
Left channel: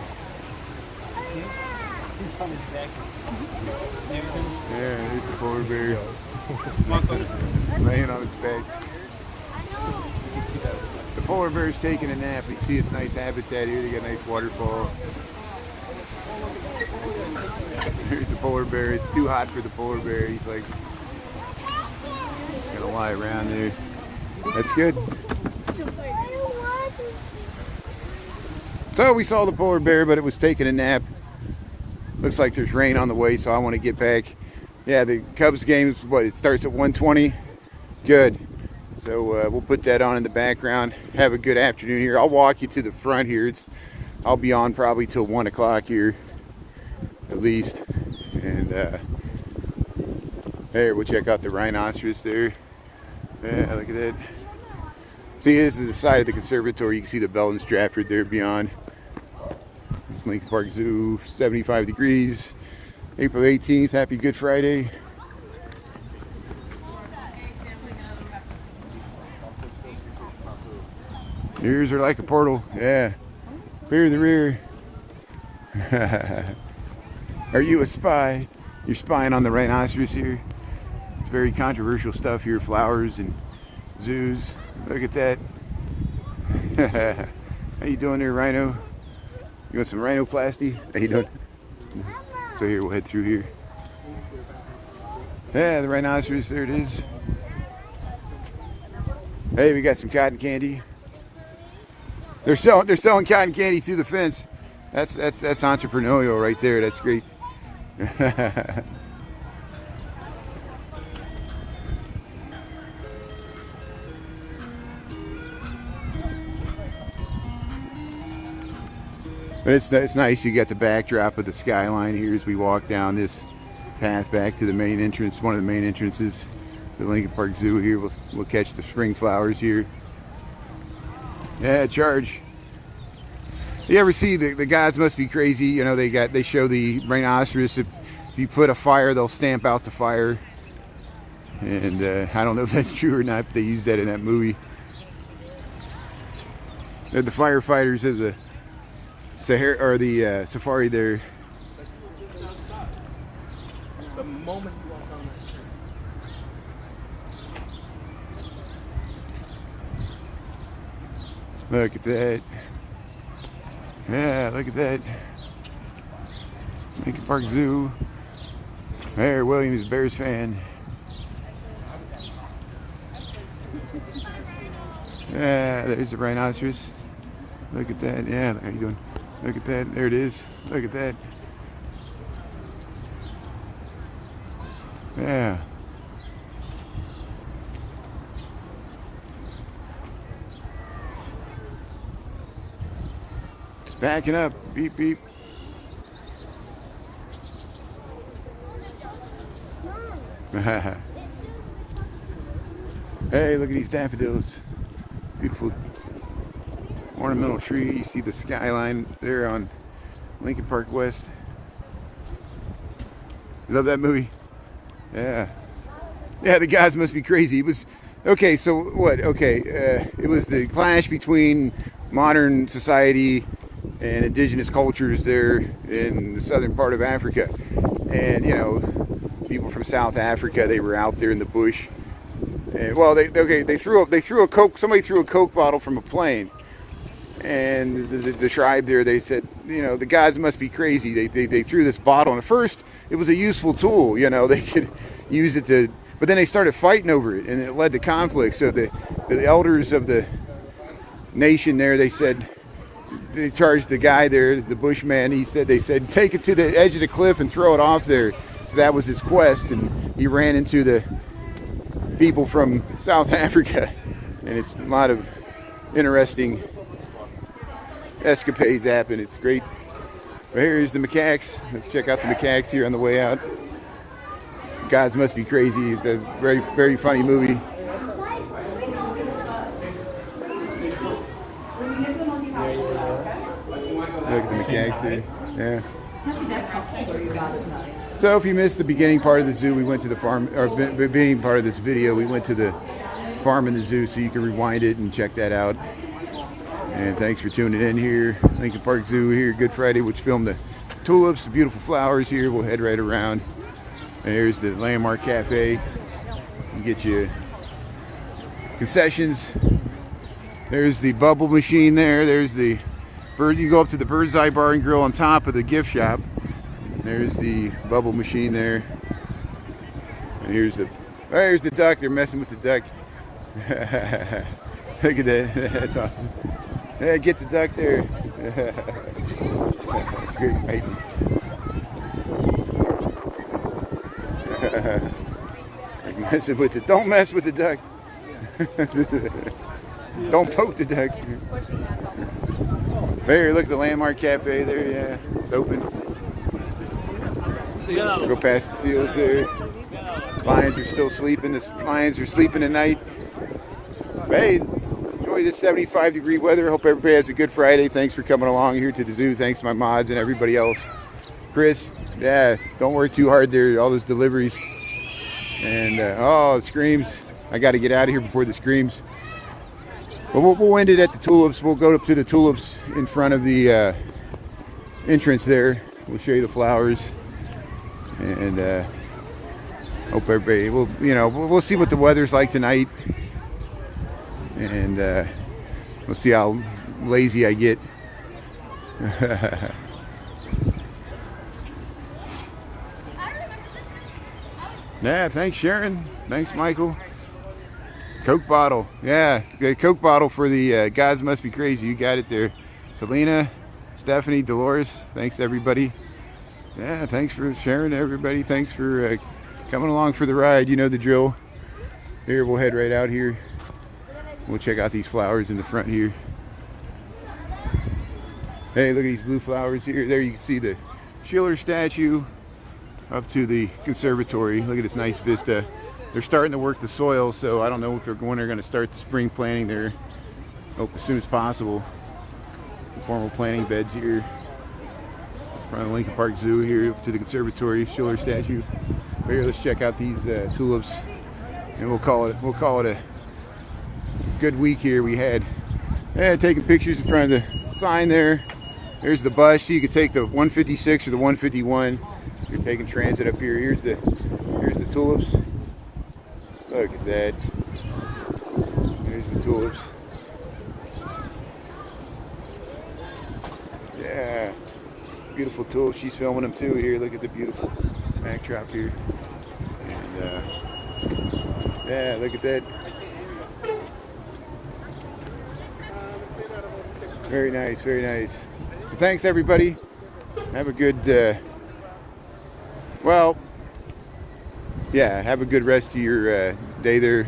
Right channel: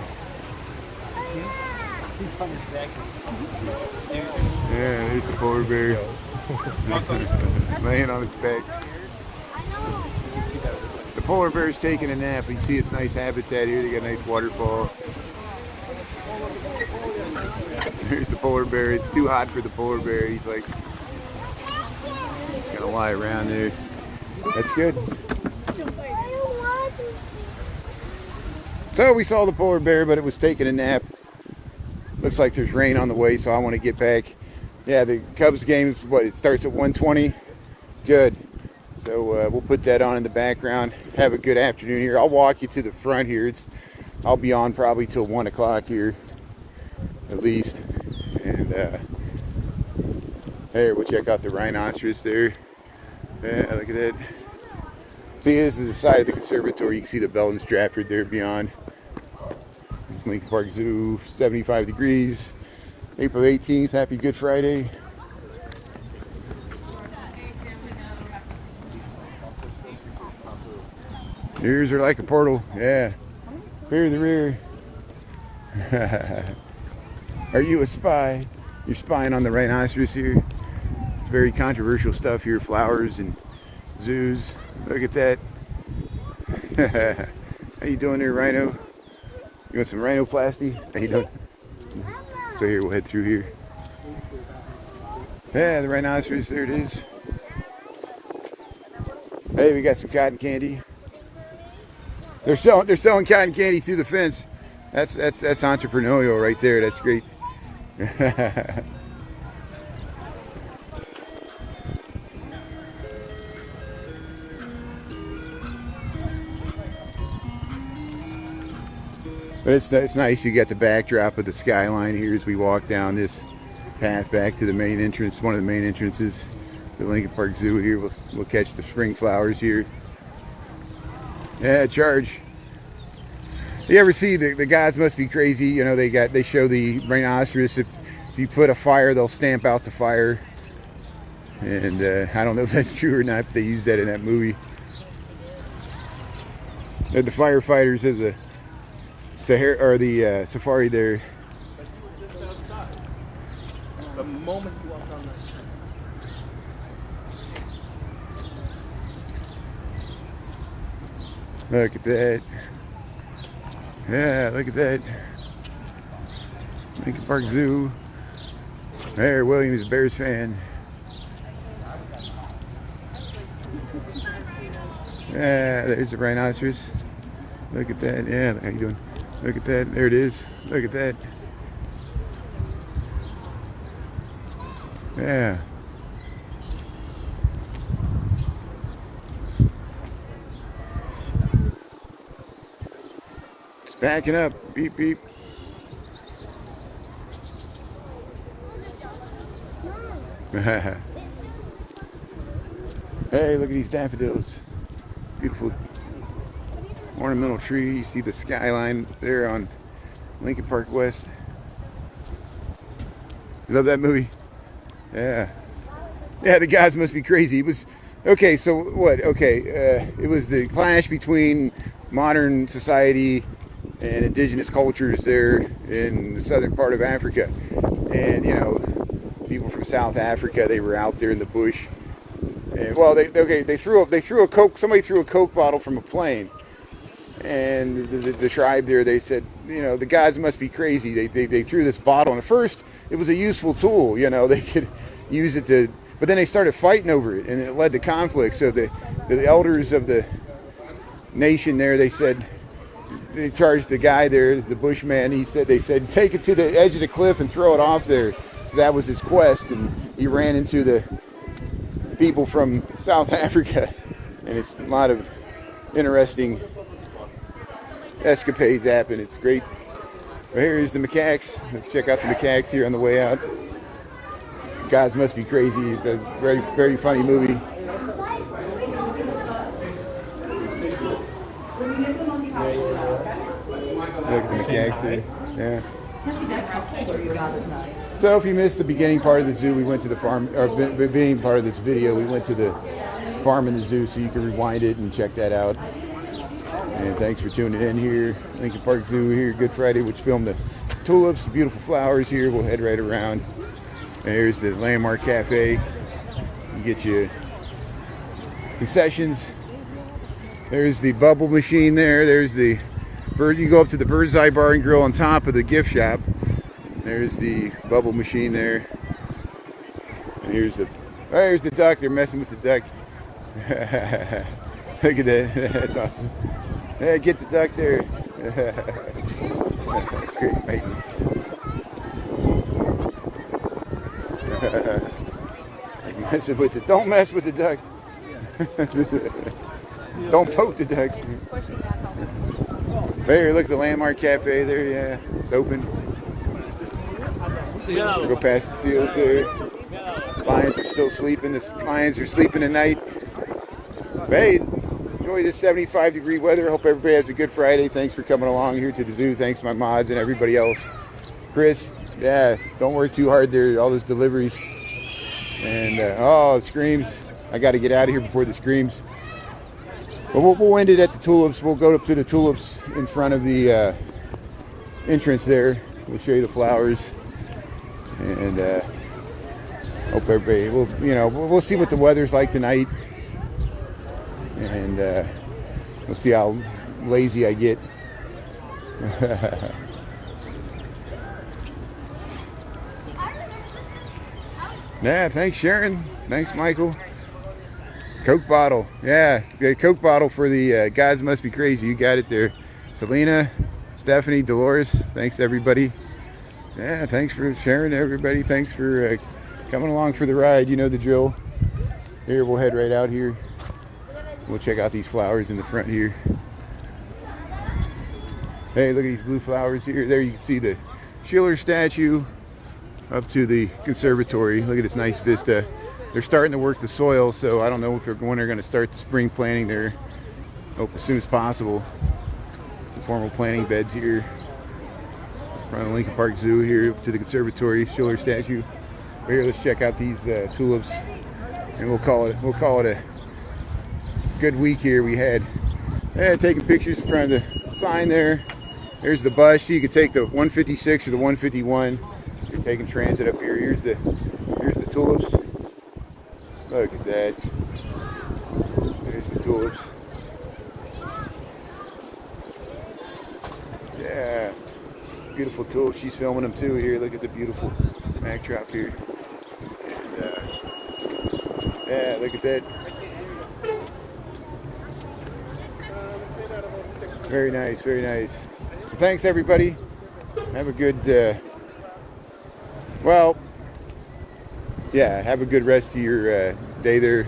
Yeah, here's the polar bear. Laying on its back. The polar bear's taking a nap, and see its nice habitat here. They got a nice waterfall. Here's the polar bear. It's too hot for the polar bear. He's like gonna lie around there. That's good. So we saw the polar bear, but it was taking a nap. Looks like there's rain on the way, so I want to get back. Yeah, the Cubs game, what, it starts at 1:20. Good. So we'll put that on in the background. Have a good afternoon here. I'll walk you to the front here. I'll be on probably till 1 o'clock here, at least. And here, we'll check out the rhinoceros there. Yeah, look at that. See, this is the side of the conservatory. You can see the bell and Stratford there beyond. It's Lincoln Park Zoo, 75 degrees. April 18th, happy Good Friday. Ears are like a portal, yeah. Clear the rear. Are you a spy? You're spying on the rhinoceros here. It's very controversial stuff here, flowers and zoos. Look at that. How you doing there, rhino? You want some rhinoplasty? How you doing? So here, we'll head through here. Yeah, the rhinoceros, there it is. Hey, we got some cotton candy. They're selling cotton candy through the fence. That's entrepreneurial right there. That's great. But it's nice. You got the backdrop of the skyline here as we walk down this path back to the main entrance, one of the main entrances to the Lincoln Park Zoo here. We'll catch the spring flowers here. Yeah, charge. You ever see the guys must be crazy? You know, they show the rhinoceros. If you put a fire, they'll stamp out the fire. And I don't know if that's true or not, but they used that in that movie. They're the firefighters of the Sahara or the safari there. The moment you walk on that. Look at that. Yeah, look at that. Lincoln Park Zoo. There, William is a Bears fan. Yeah, there's the rhinoceros. Look at that. Yeah, how you doing? Look at that. There it is. Look at that. Yeah. It's backing up. Beep, beep. Hey, look at these daffodils. Beautiful ornamental tree. You see the skyline there on Lincoln Park West. You love that movie? Yeah. Yeah, the guys must be crazy. It was, okay, so what? Okay, it was the clash between modern society and indigenous cultures there in the southern part of Africa. And, you know, people from South Africa, they were out there in the bush. And, well, somebody threw a Coke bottle from a plane. And the tribe there, they said, you know, the gods must be crazy. They threw this bottle, and at first it was a useful tool, you know, they could use it to, but then they started fighting over it, and it led to conflict. So the elders of the nation there, they said, they charged the guy there, the bushman, they said, take it to the edge of the cliff and throw it off there. So that was his quest, and he ran into the people from South Africa, and it's a lot of interesting escapades happen. It's great. But here's the macaques. Let's check out the macaques here on the way out. Gods Must Be Crazy. It's a very, very funny movie. Look at the macaques here. Yeah. So if you missed the beginning part of the zoo, we went to the farm, or beginning part of this video, we went to the farm in the zoo, so you can rewind it and check that out. And thanks for tuning in here. Lincoln Park Zoo here, Good Friday, which filmed the tulips, the beautiful flowers here. We'll head right around. There's the Landmark Cafe. You get your concessions. There's the bubble machine there. There's the bird. You go up to the Bird's Eye Bar and Grill on top of the gift shop. There's the bubble machine there. And there's the duck. They're messing with the duck. Look at that. That's awesome. Yeah, get the duck there. Great. Messing with it. Don't mess with the duck. Don't poke the duck. There, look, the Landmark Cafe there. Yeah, it's open. Go past the fields there. Lions are still sleeping. The lions are sleeping tonight. Hey, enjoy this 75-degree weather. Hope everybody has a good Friday. Thanks for coming along here to the zoo. Thanks to my mods and everybody else. Chris, yeah, don't work too hard there. All those deliveries. And, oh, it screams. I got to get out of here before the screams. But we'll end it at the tulips. We'll go up to the tulips in front of the entrance there. We'll show you the flowers. And hope everybody, we'll see what the weather's like tonight. And we'll see how lazy I get. Yeah, thanks Sharon. Thanks Michael. Coke bottle. Yeah, the Coke bottle for the Gods Must Be Crazy. You got it there. Selena, Stephanie, Dolores. Thanks everybody. Yeah, thanks for sharing everybody. Thanks for coming along for the ride. You know the drill. Here, we'll head right out here. We'll check out these flowers in the front here. Hey, look at these blue flowers here. There you can see the Schiller statue up to the conservatory. Look at this nice vista. They're starting to work the soil, so I don't know if when they're going to start the spring planting there. Hope as soon as possible. The formal planting beds here. In front of the Lincoln Park Zoo here up to the conservatory, Schiller statue. Here, let's check out these tulips, and we'll call it a good week here. We had taking pictures in front of the sign there. There's the bus. So you can take the 156 or the 151. You're taking transit up here. Here's the tulips. Look at that. There's the tulips. Yeah. Beautiful tulips. She's filming them too here. Look at the beautiful backdrop here. And yeah, look at that. Very nice, very nice. So thanks everybody. Have a good have a good rest of your day there.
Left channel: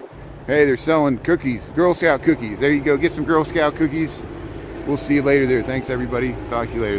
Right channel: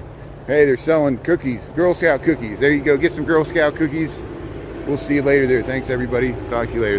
Hey, they're selling cookies, Girl Scout cookies. There you go, get some Girl Scout cookies. We'll see you later there. Thanks everybody. Talk to you later.